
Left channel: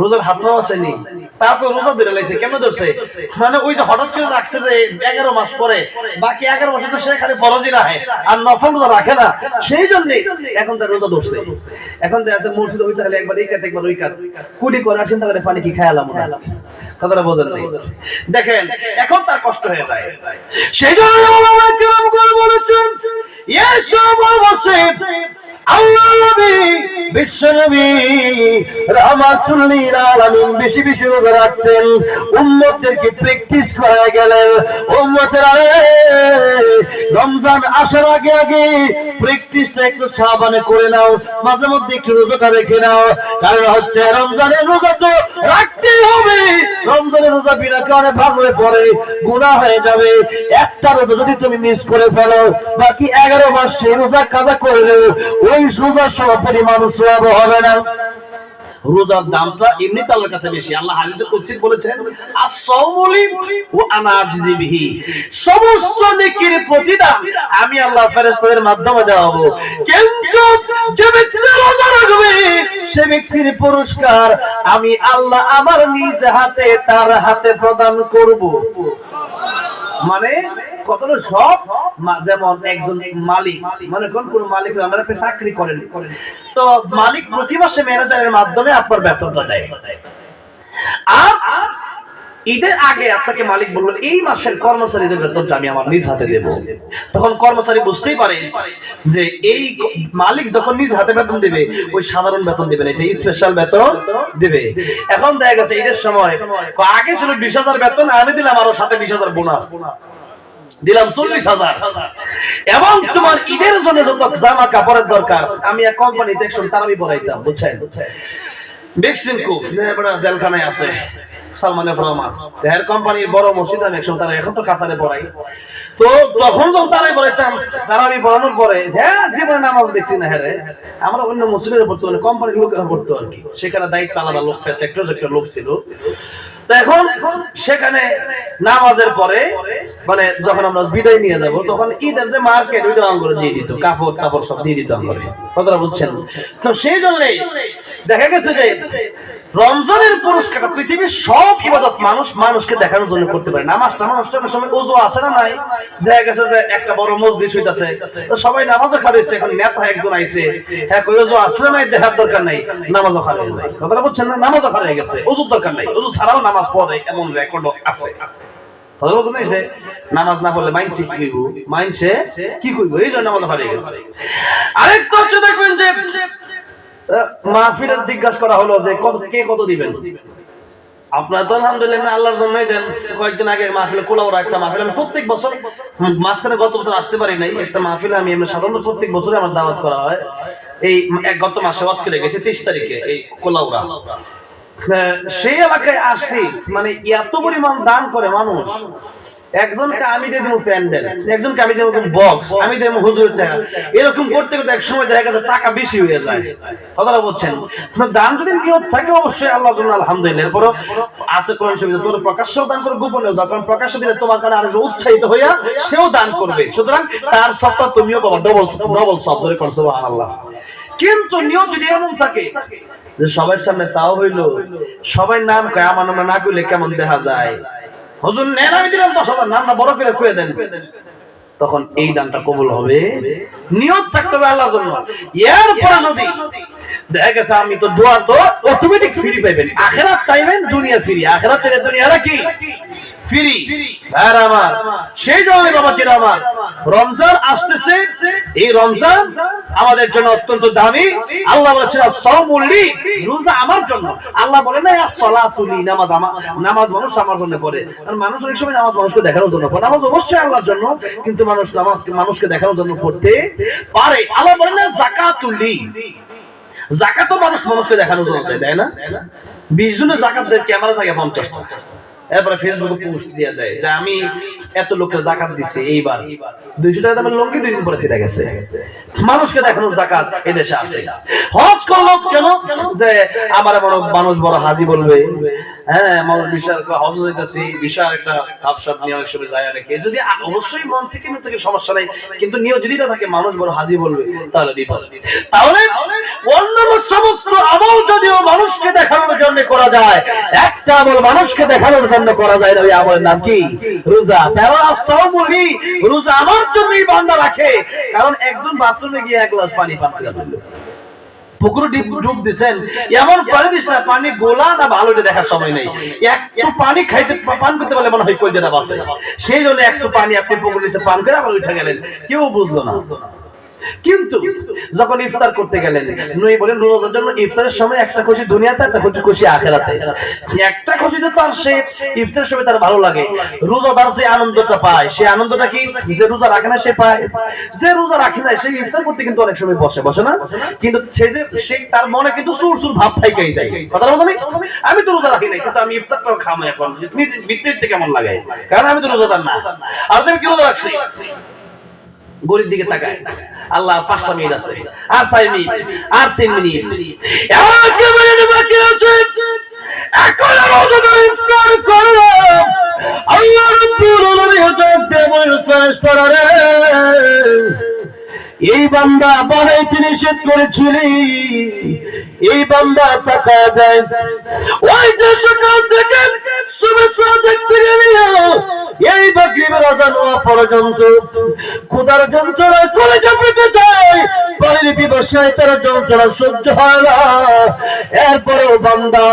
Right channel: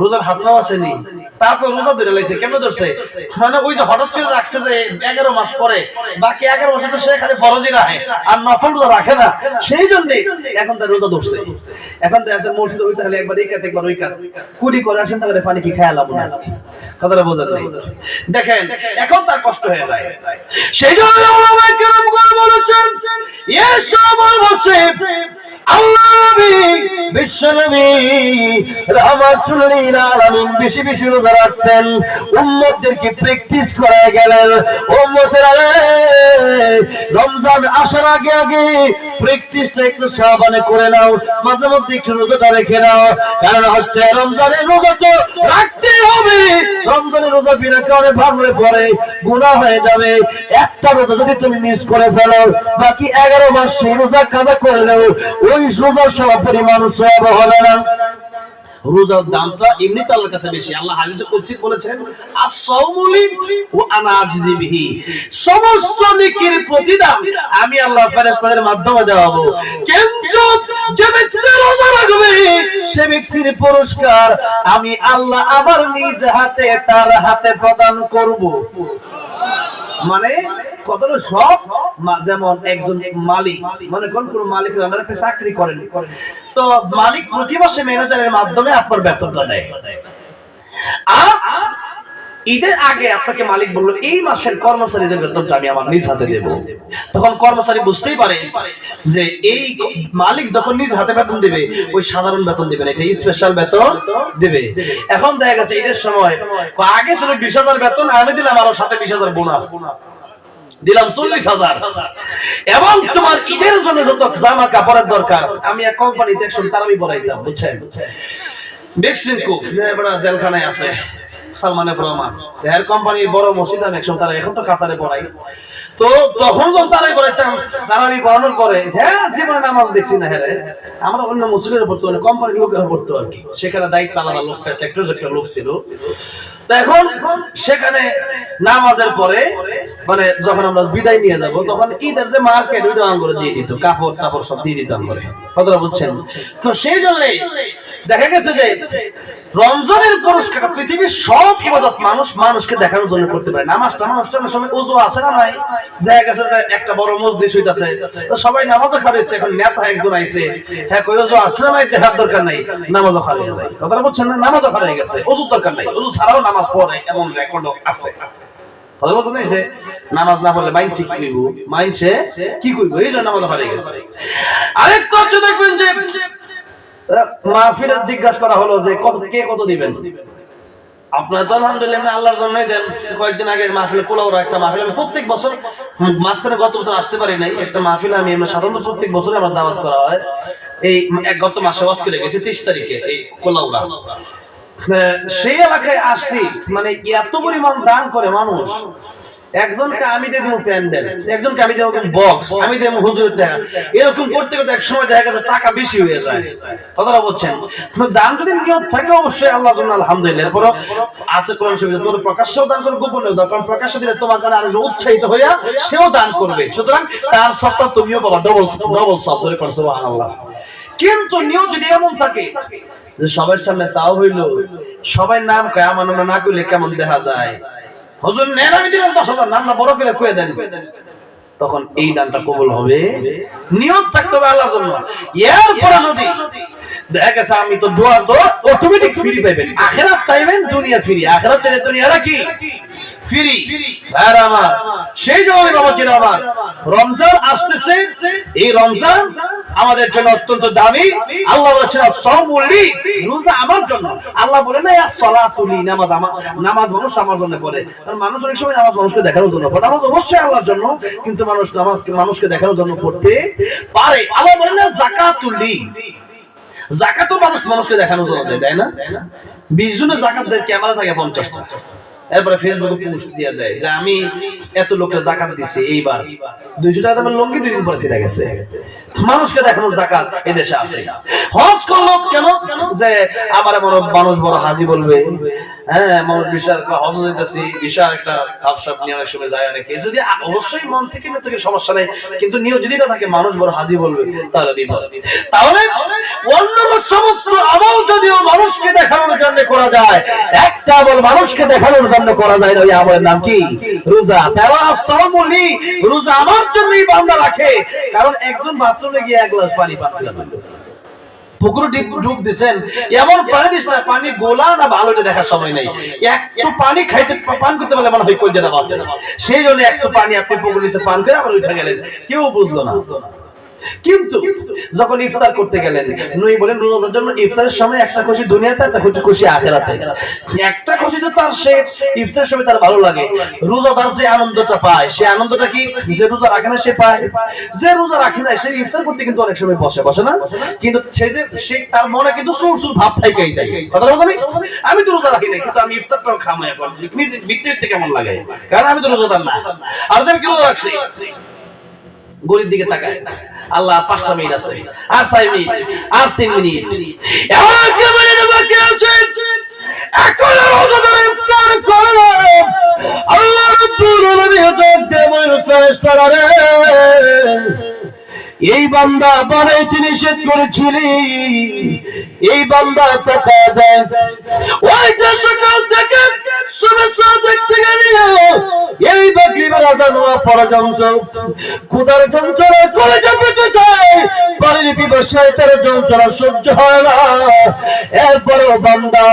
রোজার হাতটাও আসেনি, তারপর রোজা ধরে লাইছে। কেন ধরছে? মানে ওই যে হঠাৎ করে রাখছে যে 11 মাস পরে, বাকি 11 মাসে তো সে খালি ফরজই রাখে আর নফল রোজা রাখে না, সেই জন্য এখন তার রোজা ধরছে। এখন দেখা যাচ্ছে মসজিদে হইতে হলে একবার এই কাত একবার ওই কাত কুড়ি করে আসেন, তাহলে পানি কি খেয়ালাম না, কথাটা বোঝেন নাই। দেখেন এখন তার কষ্ট হয়ে যায়। সেই জন্য ওলামায়ে কেরাম বলেছেন, এসব বসে আল্লাহ নবী বিশ্ব নবী রাহমাতুল লিল আলামিন বেশি বেশি রোজা রাখতেন, উম্মতদেরকে প্র্যাকটিস করায় গেলেন। উম্মতেরা রমজান আসার আগে আগে প্র্যাকটিসটা একটু সাবানে করে নাও, মাঝে মধ্যে একটু রোজাটা রেখে নাও। কারণ হচ্ছে রমজানের রোজা তো রাখতেই হবে। রমজানের রোজা বিনা কারণে ভাঙলে পরে গুনাহ হয়ে যাবে। একটা রোজা যদি তুমি মিস করে ফেলো, বাকি 11 মাস সেই রোজা কাজা করলেও ওই রোজার সম পরিমাণ সওয়াব হবে না। রোজার দামটা এমনিতে আল্লাহর কাছে বেশি। আল্লাহ হাদিসে কুদসি বলেছেন, আস-সাওমু লি ওয়া আনা আজজি বিহি, সমস্ত নেকির প্রতিদান আমি আল্লাহ ফেরেশতাদের মাধ্যমে দেওয়াবো, কিন্তু যে ব্যক্তি রোজা রাখবে সে ব্যক্তির পুরস্কার আমি আল্লাহ আমার নিজ হাতে তার হাতে প্রদান করব। মানে কতটা সব, যেমন একজন মালিক, মনে করেন কোন মালিক আমরা চাকরি করেন, তো মালিক প্রতি মাসে ম্যানেজারের মাধ্যমে আপনার বেতনটা দেয়। আর ঈদের আগে আপনাকে মালিক বললো এই মাসের কর্মচারীদের বেতনটা আমি আমার নিজ হাতে দেব। তখন কর্মচারী বুঝতেই পারে যে এই মালিক যখন নিজ হাতে বেতন দিবে, ওই সাধারণ বেতন দিবে না, এটা স্পেশাল বেতন দিবে। এখন দেখা গেছে ঈদের সময় আগে ছিল 20,000 বেতন, আমি দিলাম আরো সাথে 20,000 বোনাস, দিলাম 40,000। এবং তোমার ঈদের জন্য যত জামা কাপড়ের দরকার আমি এক কোম্পানিতে একশো তারাবি পড়াইতাম, বুঝছেন? দেখছেন খুব জেলখানায় আছে সালমানের রহমান, এর কোম্পানির বড় মসজিদ, আমি একশো তারা এখন তো কাতারে পড়াই। তো তখন যখন তারাই পড়াইতাম, তারাবি পড়ানোর পরে হ্যাঁ জীবনে নামাজ দেখছি না, হ্যাঁ আমরা অন্য মুসলিমের পড়তো, মানে কোম্পানির লোকেরা পড়তো আর কি। সেখানে দায়িত্ব আলাদা লোক, সেক্টর লোক ছিল। এখন সেখানে নামাজের পরে মানে যখন আমরা বিদায় নিয়ে যাব, তখন ঈদের যে মার্কেট ওইটা আঙ্গুলে দিয়ে দিত, কাপড় কাপড় সব দিয়ে দিত আঙ্গুলে, কথাটা বুঝছেন? তো সেই জন্যই দেখা গেছে যে রমজানের পুরস্কার পৃথিবীর সব ইবাদত মানুষকে দেখানোর জন্য করতে পারে। নামাজটা সময় ওযু আছে না নাই, দেখা গেছে যে একটা বড় মসজিদ হইতাছে, তো সবাই নামাজও খাবেছে। এখন নেতা একজন আইছে, হ্যাঁ কই ওযু আছে না নাই, দেখার দরকার নাই, নামাজও খাবে যায়, কথাটা বুঝছেন না? নামাজও খাবে গেছে, ওযুর দরকার নাই, ওযু ছাড়াও নামাজ পড়ে এমন রেকর্ড আছে। কথা বুঝছেন না? যে নামাজ না পড়লে মাইনছে কি কইব, মাইনছে কি কইব, এই জন্য নামাজও খাবে গেছে। আরেকটা হচ্ছে দেখবেন যে মাহফিলে জিজ্ঞাসা করা হলো যে কে কত দিবেন। আপনার তো আলহামদুলিল্লাহ আল্লাহর জন্যই দেন। কয়েকদিন আগে মাহফিলে কুলাউড়া একটা মাহফিল, আমি প্রত্যেক বছর মাঝখানে গত বছর আসতে পারি নাই, একটা মাহফিলে আমি সাধারণত প্রত্যেক বছরই আমার দাওয়াত করা হয়। এই গত মাসে অস্ট্রেলে গেছি 30 তারিখে এই কুলাউড়া, সেই এলাকায় আসছি। মানে এত পরিমাণ দান করে মানুষ, একজনকে আমি দেব প্যান্ডেল, একজনকে আমি দেব বক্স, আমি দেব হুজুরের টাকা, এরকম করতে করতে এক সময় দেখা গেছে টাকা বেশি হয়ে যায়, কথাটা বলছেন? দান যদি নিয়ত থাকে অবশ্যই আল্লাহর জন্য আলহামদুলিল্লাহ। এরপর আছে কোরআন শরীফে তোর প্রকাশ্যেও দান করে গোপনেও দান, কারণ প্রকাশ্য দিলে তোমার কারণে আরেকজন উৎসাহিত হইয়া সেও দান করবে, সুতরাং তার সবটা তুমিও পাবা, ডবল সব ধরে করছো সুবহানাল্লাহ। কিন্তু নিয়ত যদি এমন থাকে যে সবার সামনে চাও হইলো, সবাই নাম কয়, আমার নাম না কইলে কেমন দেখা যায়, হুজুর নেন আমি দিলাম 10,000, নাম না বড় করে কয়ে দেন, তখন এই দানটা কবুল হবে। নিয়ত থাকতে হবে আল্লাহর জন্য। এরপরে যদি দেখা গেছে আমি তো দোয়া তো অটোমেটিক ফ্রি পাইবেন, আখিরাত চাইবেন দুনিয়া ফ্রি, আখিরাত চাইলে দুনিয়াটা কি ফ্রি। আর আমার সেই জন্য বাবা ছিল আমার রমজান আসতেছে, এই রমজান আমাদের জন্য অত্যন্ত দামি। আল্লাহ বলেছেন সাওমুলি, রোজা আমার জন্য। আল্লাহ বলে না সালাতুলি, নামাজ নামাজ মানুষ আমার জন্য পড়ে। আর মানুষ অনেক সময় নামাজ মানুষকে দেখানোর জন্য পড়ে। নামাজ অবশ্যই আল্লাহর জন্য, কিন্তু মানুষ নামাজকে মানুষকে দেখানোর জন্য পড়তে পারে। আল্লাহ বলে না যাকাতুলি, যাকাতও মানুষ মানুষকে দেখানোর জন্য দেয় না? 20 জনের যাকাত দেয়, ক্যামেরা থাকে 50 টা, এরপরে ফেসবুকে পোস্ট দেওয়া যায় যে আমি এত লোকের যাকাত দিচ্ছি, এইবার 200 টাকা দামের লুঙ্গি 2 দিন পরে ছিঁড়ে গেছে। মানুষকে দেখানোর যাকাত এই দেশে আছে। হজ করলো কেন? যে আমার মানুষ বড় হাজি বলবে। হ্যাঁ, মানুষ বিশাল হজ হইতেছি, বিশাল একটা ভাবসাব নিয়ে অনেক সময় যায় অনেকে। যদি অবশ্যই মন থেকে না থেকে সমস্যা নাই, কিন্তু নিয়ে যদি না থাকে মানুষ বড় হাজি বলবে, তাহলে বিপদ। তাহলে অন্যান্য সমস্ত আমল যদিও মানুষকে দেখানোর জন্য করা যায়, একটা আমল মানুষকে দেখানোর জন্য করা যায় না, ওই আমলের নাম কি? রোজা। তারা সাওমুলি, রোজা আমার জন্যই বান্দা রাখে। কারণ একজন বাথরুমে গিয়ে 1 গ্লাস পানি পান করে ফেললো, পুকুরে ডুব দিচ্ছেন, এমন পানি দিস না, পানি গোলা না ভালোটা দেখার সময় নেই। একটু পানি খাইতে পান করতে পারলে মনে হয় কই যেটা বাসে, সেই জন্য একটু পানি আপনি পুকুরে নিচে পান করে আবার উঠে গেলেন, কেউ বুঝলো না। কিন্তু যখন ইফতার করতে গেলেন, নবী বলেন রোজার জন্য ইফতারের সময় একটা খুশি দুনিয়াতে, একটা খুশি আখিরাতে। একটা খুশি তো তার সে ইফতারের সময় তার ভালো লাগে, রোজাদার যে আনন্দটা পায়, সে আনন্দটা কি যে রোজা রাখে না সে পায়? যে রোজা রাখে না সে ইফতার করতে কিন্তু অনেক সময় বসে না, কিন্তু সে তার মনে কিন্তু সুর ভাব থাইকাই যায়। কথা বলছেন, আমি তো রোজা রাখি নাই, কিন্তু আমি ইফতারটাও খামো এখন, নিজে ভিতরে কেমন লাগে, কারণ আমি তো রোজাদার না। আর আমি কি রোজা রাখছি? গরিব দিকে তাকায়, আল্লাহ 5টা মিনিট আছে, আর 6 মিনিট, আর 3 মিনিট, একেবারে বাকি আছে। এখন রোজাদার ইফতার করো, আল্লাহ রাব্বুল আলামিন হতে বলেন ফেরেশতারা রে, এই বান্দা বানাইতে নিষেধ করেছিলি, এই বান্দা টাকা দেয়, ওই যে সকাল থেকে শুভেচ্ছা দেখতে গেলি, এই মাগরিবের আযান হওয়া পর্যন্ত ক্ষুধার যন্ত্রণা কলেজে পেতে যায়, পানির পিপাসায় তার যন্ত্রণা সহ্য হয় না। এরপরেও বান্দা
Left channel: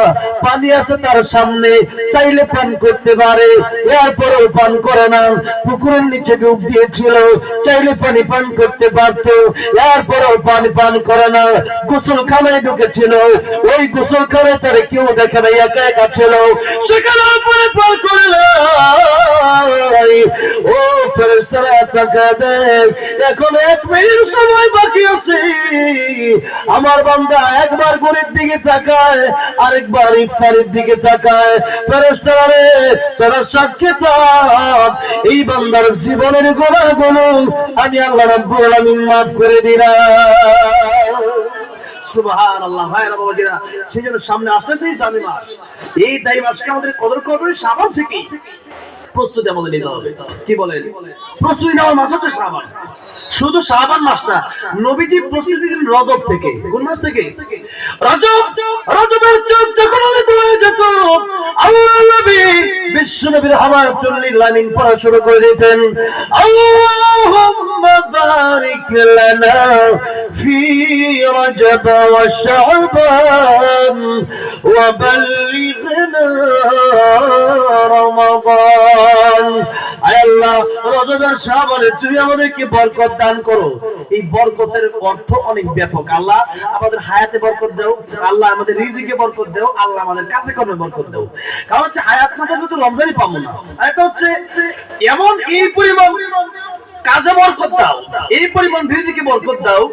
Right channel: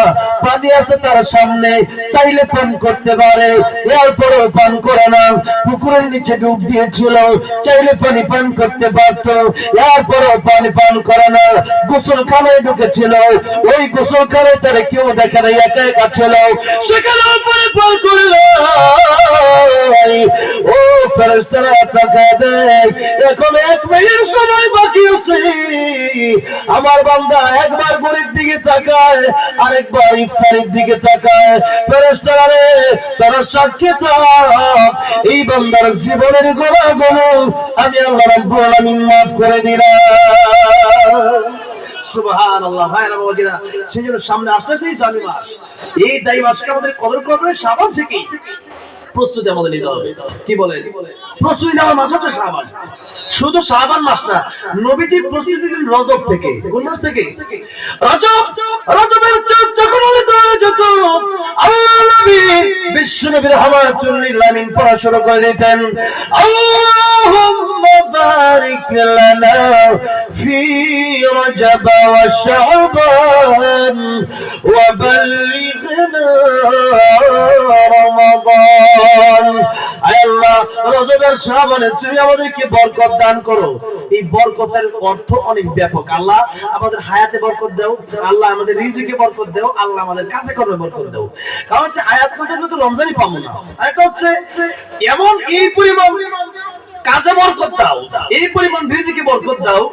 পানি আছে তার সামনে, চাইলে পান করতে পারে, এরপরেও পান করে না। পুকুরের নিচে ডুব দিয়েছিল, চাইলে পানি পান করতে পারতো, এরপরেও পানি পান করে না। গোসলখানায় ঢুকেছিল, ওই গোসলখানায় তার কেউ দেখে না, একা একা ছিল, সেখানে পান করে না। ও ফেরেশতারা টাকা দেয়, এখন 1 মিনিট সময় বাকি আছে। আমার বান্দা একবার ঘড়ির দিকে তাকায়, আরেকবার ইফতারের দিকে তাকায়। ফেরেশতারা রে, তারা সাক্ষী থাক, এই বান্দার জীবনের গুনাহগুলো আমি আল্লাহ রাব্বুল আলামিন মাফ করে দিলাম। সুবহানাল্লাহ। ভাইরা বাবাজিরা, সেজন্য সামনে আসতেছে দামি মাস, এই দামি মাসকে আমাদের কদর করতে হবে। শাবান থেকে প্রস্তুতি আমাদের নিতে হবে। কি বলেন? প্রস্তুতি নেওয়ার মাস হচ্ছে শাবান। শুধু শাবান মাস না, নবীজি প্রস্তুতি দিলেন রজব থেকে। কোন মাস থেকে? রজব। রজবের যখন যেত, আল্লাহ নবী বিশ্ব নবীর হামাতুল লিল আমিন পড়া শুরু করে দিতেন, আল্লাহুম্মা বারিক লানা ফি রজব ওয়া শাবান ওয়া বাল্লিগনা রমাদান। আল্লাহ, রজবের শাবানে তুমি আমাদেরকে বরকত দান করো। এই বরকতের অর্থ অনেক ব্যাপক। আল্লাহ আমাদের হায়াতে বরকত দাও, আল্লাহ আমাদের রিজিকে বরকত দাও, আল্লাহ আমাদের কাজে কর্মে বরকত দাও। কারণ হচ্ছে হায়াত না থাকলে তো রমজানই পাবো না। এটা হচ্ছে এমন এই পরিমাণ কাজে বরকত দাও, এই পরিমাণ রিজিকে বরকত দাও,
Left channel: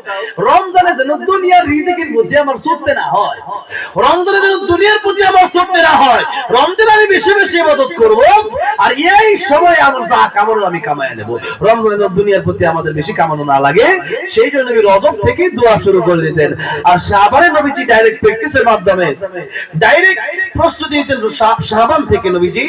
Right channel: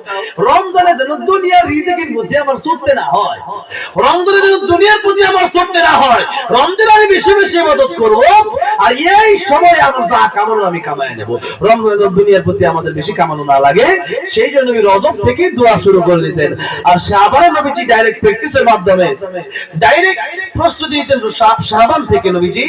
রমজানে যেন দুনিয়ার রিজিকের মধ্যে আমার চলতে না হয়, রমজানে যেন দুনিয়ার প্রতি আমার চলতে না হয়। রমজানে আমি বেশি বেশি ইবাদত করব, আর এই সময় আমার যা কামানো আমি কামায় নেব। রমজানে যেন দুনিয়ার প্রতি আমাদের বেশি কামানো না লাগে, সেই জন্য নবী রজব থেকে দোয়া শুরু করে দিতেন। আর শাবানে নবীজি ডাইরেক্ট প্র্যাকটিসের মাধ্যমে ডাইরেক্ট প্রস্তুতি নিতেন শাবান থেকে নবীজি,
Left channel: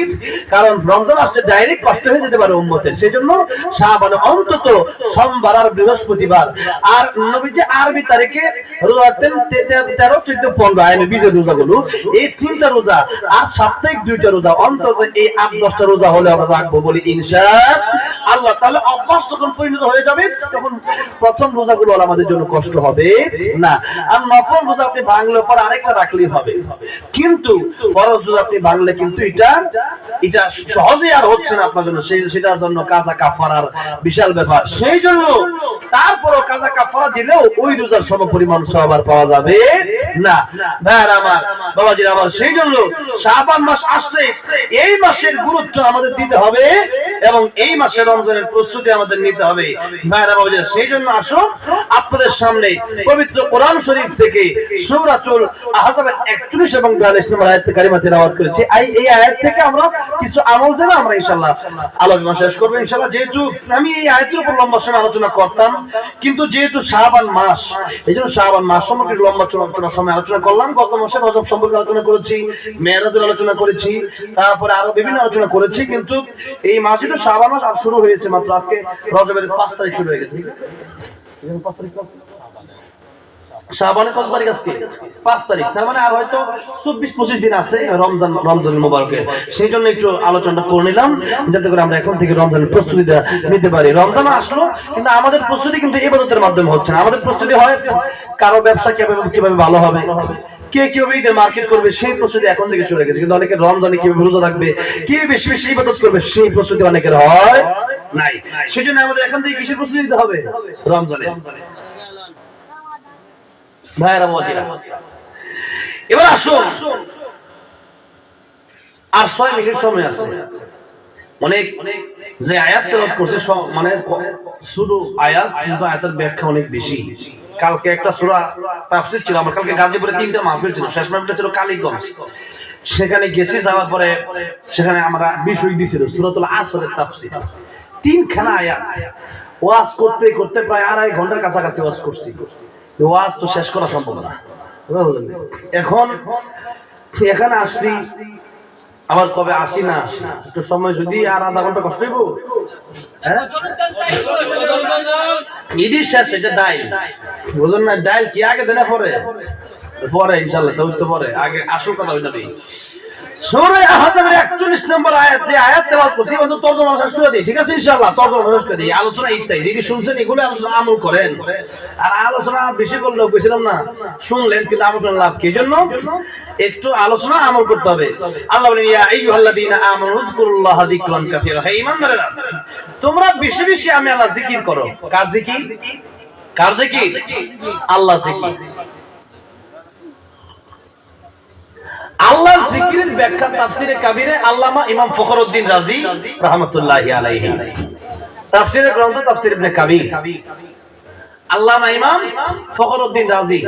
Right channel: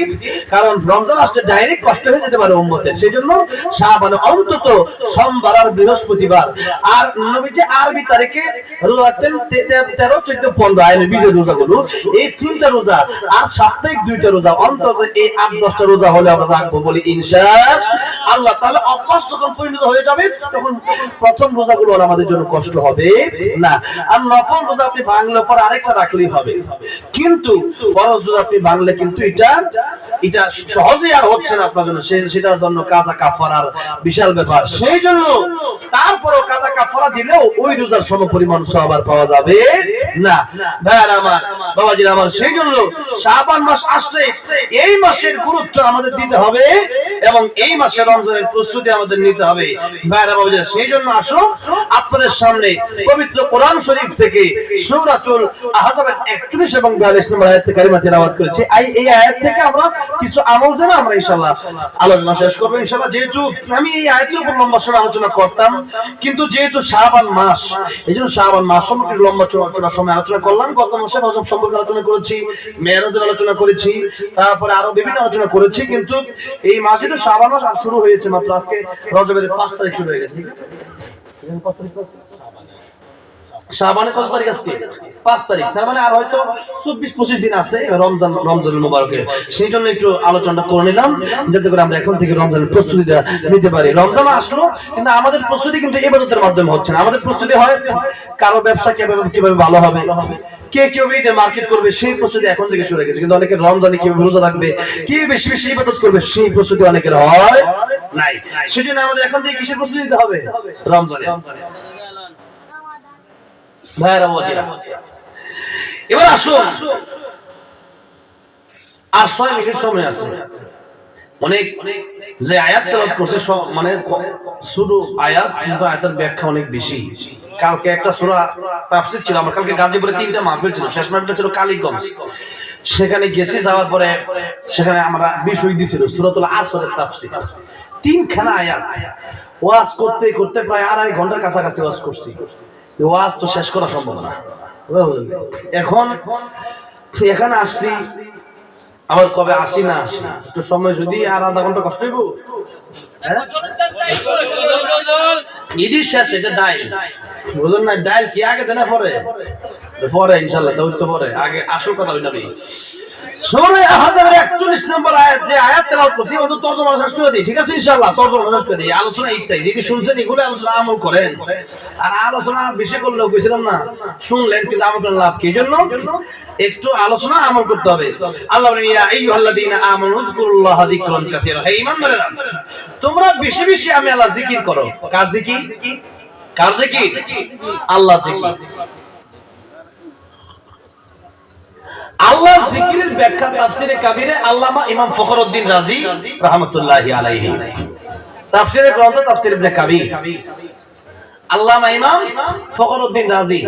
কারণ রমজান আসলে ডাইরেক্ট কষ্ট হয়ে যেতে পারে উম্মতের। সেজন্য শাবানে অন্তত সোমবার আর বৃহস্পতিবার, আর নবীজি আরবি তারিখে রোজা রাখতেন 13, 14, 15 আইনে বীজের রোজাগুলো, এই 3টা রোজা, আর সাপ্তাহিক 2টা রোজা, অন্তত এই 8-10টা রোজা হলে আমরা রাখবো বলি ইনশাআল্লাহ। আল্লাহ তাহলে অভ্যাস যখন পরিণত হয়ে যাবে তখন প্রথম রোজাগুলো আর আমাদের জন্য কষ্ট হবে না। আর নফল রোজা আপনি ভাঙলে পর আরেকটা রাখলেই হবে, কিন্তু ফরজ রোজা আপনি ভাঙলে কিন্তু এটা সহজেই আর হচ্ছে না আপনার জন্য, সেটার জন্য কাজা কাফারার বিশাল ব্যাপার। সেই জন্য তারপরও কাজা কাফারা দিলেও ওই রোজার সমপরিমাণ সওয়াব আর পাওয়া যাবে না। ভাইরা আমার, বাবাজিরা আমার, সেই জন্য শাবান মাস আসছে, এই মাসের গুরুত্ব আমাদের দিতে হবে এবং এই মাসে রমজানের প্রস্তুতি আমাদের নিতে হবে। ভাইরা বাবাজিরা, সেই জন্য আসো আপনাদের সামনে পবিত্র কোরআন শরীফ থেকে সূরাতুল আহজাবের 41 এবং 42 নম্বর আয়াত কারিমা তেলাওয়াত করেছি। এই আয়াত থেকে আমরা কিছু আমল জানা আমরা ইনশাআল্লাহ আলোচনা শেষ করব ইনশাআল্লাহ। যেহেতু আমি এই আয়াতের উপর লম্বা সময় আলোচনা করতাম, কিন্তু যেহেতু শাবান মাস, এইজন্য শাবান মাস সম্পর্কে লম্বা সময় আলোচনা করলাম। গত মাসে রজব সম্পর্কে আলোচনা করেছি, মেরাজের আলোচনা করেছি, তারপরে আরো বিভিন্ন আলোচনা করেছি, কিন্তু এই মাসে তো শাবান মাস আর শুরু হয়েছে মাত্র, আজকে রজবের 5 তারিখ শুরু হয়ে গেছে, ঠিক আছে? 5 তারিখ শাবানের কত তারিখ আজকে? 5 তারিখ। তার মানে আর হয়তো 24-25 দিন আছে রমজানুল মুবারকের। সেই জন্য একটু আলোচনাটা করে নিলাম, যাতে করে আমরা এখন থেকে রমজানের প্রস্তুতি নিতে পারি। রমজান আসলো, কিন্তু আমাদের প্রস্তুতি কিন্তু ইবাদতের মাধ্যমে হচ্ছে না। আমাদের প্রস্তুতি হয় কারো ব্যবসা কিভাবে ভালো হবে, কে কিভাবে ঈদের মার্কেট করবে, সেই প্রস্তুতি এখন থেকে শুরু হয়ে গেছে। কিন্তু অনেকের রমজানে কিভাবে রোজা রাখবে, কে বেশি বেশি ইবাদত করবে, সেই প্রস্তুতি অনেকের হয় নাই। সেজন্য আমাদের এখন থেকে কিসের প্রস্তুতি নিতে হবে? রমজানের। ভাইরা বাবাজিরা, এবার আসুন, আর 6 মিনিট সময় আছে। অনেক যে আয়াত তেলাওয়াত করছে মানে শুধু আয়াত, কিন্তু আয়াতের ব্যাখ্যা অনেক বেশি। কালকে একটা সূরা তাফসীর ছিল আমার, কালকে গাজীপুরে 3টা মাহফিল ছিল, শেষ মাহফিলটা ছিল কালীগঞ্জ। সেখানে গেছি, যাওয়ার পরে সেখানে আমরা বিষয় দিছিল সূরাতুল আসরের তাফসীর, 3খানা আয়াত। ওয়াজ করতে করতে প্রায় 2.5 ঘন্টার কাছাকাছি ওয়াজ করছি। ওয়াজ তো শেষ করা সম্ভব না। এখন এখানে আসছি, আবার কবে আসি না আসি, একটু সময় যদি আর আধা ঘন্টা কষ্ট হইব। ইডি শেষ, এটা ডাইল বুঝুন না, ডাইল কি আগে দেনা পরে পরে ইনশাআল্লাহ, তো পরে আগে আসল কথা হই নবী। সূরা আহজাবের 41 নম্বর আয়াত, যে আয়াত তেলাওয়াত করছি অন্তত তরজমা শেষ করে দিই, ঠিক আছে? ইনশাআল্লাহ তরজমা শেষ করে দিই। আলোচনা ইত্যাদি যদি শুনছেন এগুলো আলোচনা আমল করেন, আর আলোচনা বেশি করলেও কইছিলাম না, শুনলেন কিন্তু আমল করার লাভ কি? জন্য একটু আলোচনা আমল করতে হবে। আল্লাহ বলেন, ইয়া আইয়ুহাল্লাযীনা আমানু যকুরুল্লাহা যিকরান কাসীরা, হে ঈমানদারেরা তোমরা বেশি বেশি আমি আল্লাহ জিকির করো। কার জিকির? কার জিকির? আল্লাহ জিকির। আল্লাহর জিকিরের ব্যাখ্যা তাফসীরে কাবীরে আল্লামা ইমাম ফখরুদ্দীন রাজি রাহমাতুল্লাহি আলাইহি, তাফসীরের গ্রন্থ তাফসীর ইবনে কাবীর, আল্লামা ইমাম ফখরুদ্দীন রাজি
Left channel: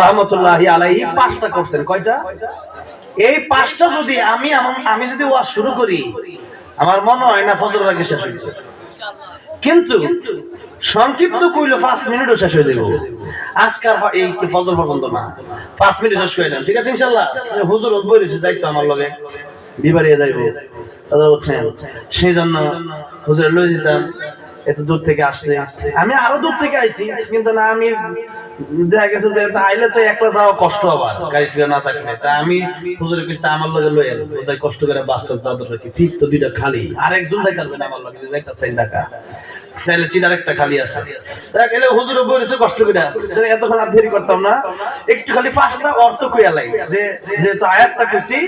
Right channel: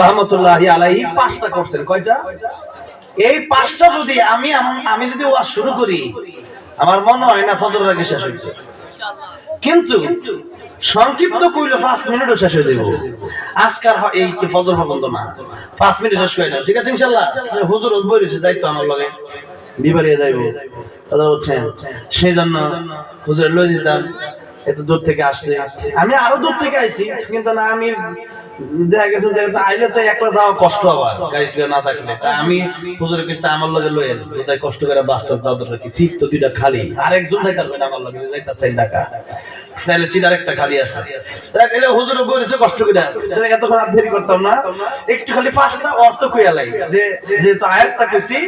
রাহমাতুল্লাহি আলাইহি 5টা করছেন। কয়টা? এই 5টা যদি আমি যদি ওয়াজ শুরু করি, আমার মনে হয় না ফজরের আগে শেষ হইবে, কিন্তু সংক্ষিপ্ত কইলে 5 মিনিটও শেষ হয়ে যাবে। আজকাল এই কি ফজর পর্যন্ত না, 5 মিনিট শেষ হয়ে যাবে, ঠিক আছে? ইনশাআল্লাহ হুজুর বলেছে যাইতো আমার লগে বিবারিয়া যাইবো, কথা বলছেন। সেই জন্য হুজুর লই যেতাম, এত দূর থেকে আসছে, আমি আরো দূর থেকে আইছি, কিন্তু না আমি দেখা গেছে যে আইলে তো একলা যাওয়া কষ্ট, আবার গাড়ি না থাকলে, তাই আমি হুজুরের কাছে আমার লগে লই এলাম। তাই কষ্ট করে বাসটা দাদর রাখি, সিট তো 2টা খালি, আরেকজন যাইতে পারবে না আমার লগে, যাইতা 4 টাকা তাহলে সিট আরেকটা খালি আছে। তাহলে হুজুরে বলেছে কষ্ট করে, এতক্ষণ আর দেরি করতাম না, একটু খালি 5টা অর্থ কইয়া লাই, যে যেহেতু আয়াতটা কইছি।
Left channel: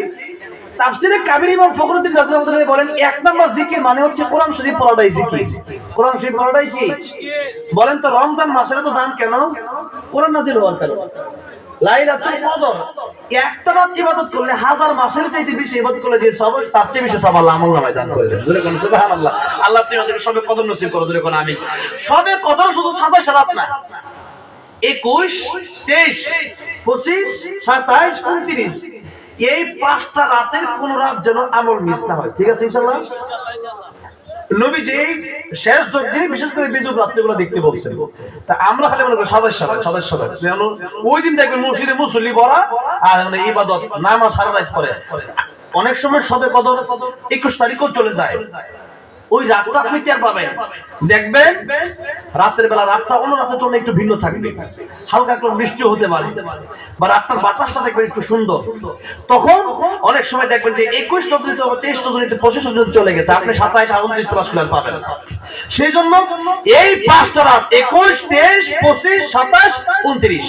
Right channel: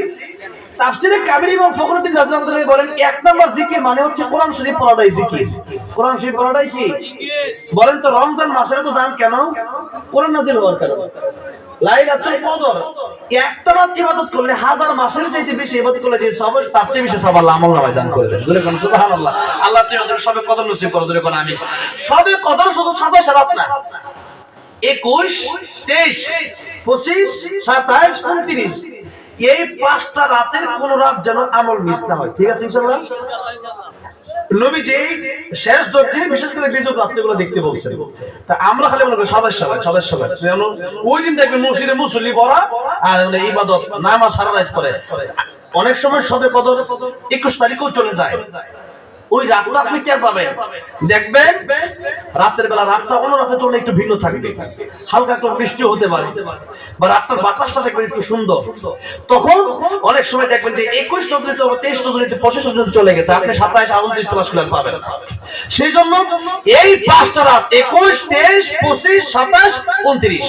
তাফসীরে কাবীর ইমাম ফখরুদ্দীন রাজি রাহমাতুল্লাহি বলেন, 1 নাম্বার জিকির মানে হচ্ছে কোরআন শরীফ পড়াটাই জিকির। কোরআন শরীফ পড়াটাই কি বলেন তো? রমজান মাসের তো দাম কেন? কোরআন নাযিল হওয়ার কারণে। লাইলাতুল কদর একটা রাত ইবাদত করলে 1000 মাসের চাইতে বেশি ইবাদত করলে যে সব, তার চেয়ে বেশি সব আল্লাহ আমলনামায় দান করে দেন। জোরে কোন সুবহানাল্লাহ। আল্লাহ তুমি আমাদের সবে কদর নসিব করো, জোরে কোন আমিন। সবে কদর শুধু 27 রাত না, 21, 23, 25, 27, 29, এই 5টা রাতের কোন রাত যেন আমল মিস না হয়, ঠিক আছে? ইনশাআল্লাহ নবী যে শেষ 10 দিনে বিশেষ করে বিজুর রাত্রিগুলো দেখতে বলছেন, তা আমরা খালি মনে করি সবাই যেন ওই দিন দেখবেন মসজিদে মুসল্লি পড়া আর ইবাদত নামাজ সারা রাত করে। অনেক সময় সবে কদর 21 তারিখও চলে যায়, ওই রাতটা আপনি টের পাবেন। দেখবেন রাতের বেলা রাতটা অন্য রাতের তুলনায় একটু ভিন্ন থাকবে, হালকা একটু বৃষ্টি হতে পারে, বা রাতের বাতাসটা দেখবেন একটু সুন্দর। তখন অনেক সময় দেখবেন যে 21 নজরে 23 নজরে 25 নজরে চলে গেছে, আপনি 27 29 প্লাস প্ল্যান পাবেন না। সেই জন্য এই 5টা রাত 21 23 25 27 29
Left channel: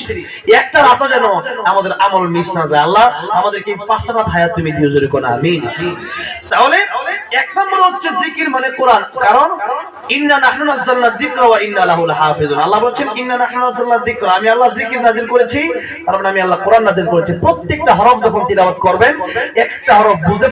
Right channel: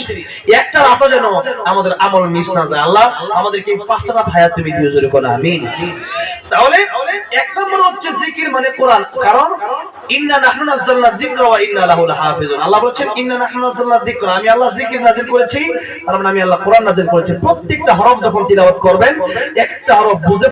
একটা রাতও যেন আমাদের আমল মিস না যায়। আল্লাহ আমাদেরকে এই 5টা রাত হায়াত তুমি দিও, জোরে কোন আমিন। তাহলে এক নম্বর হচ্ছে জিকির মানে কোরআন, কারণ ইন্না নাহনু নাযালনা যিকরা ওয়া ইন্না লাহু লাহাফিজুন। আল্লাহ বলেছেন ইন্না নাহনু নাযালনা যিকরা, আমি আল্লাহ জিকির নাযিল করেছি, তার মানে আমি আল্লাহ কোরআন নাযিল করেছি। প্রত্যেকটা হরফ যখন তিলাওয়াত করবেন একটা হরফ বুঝে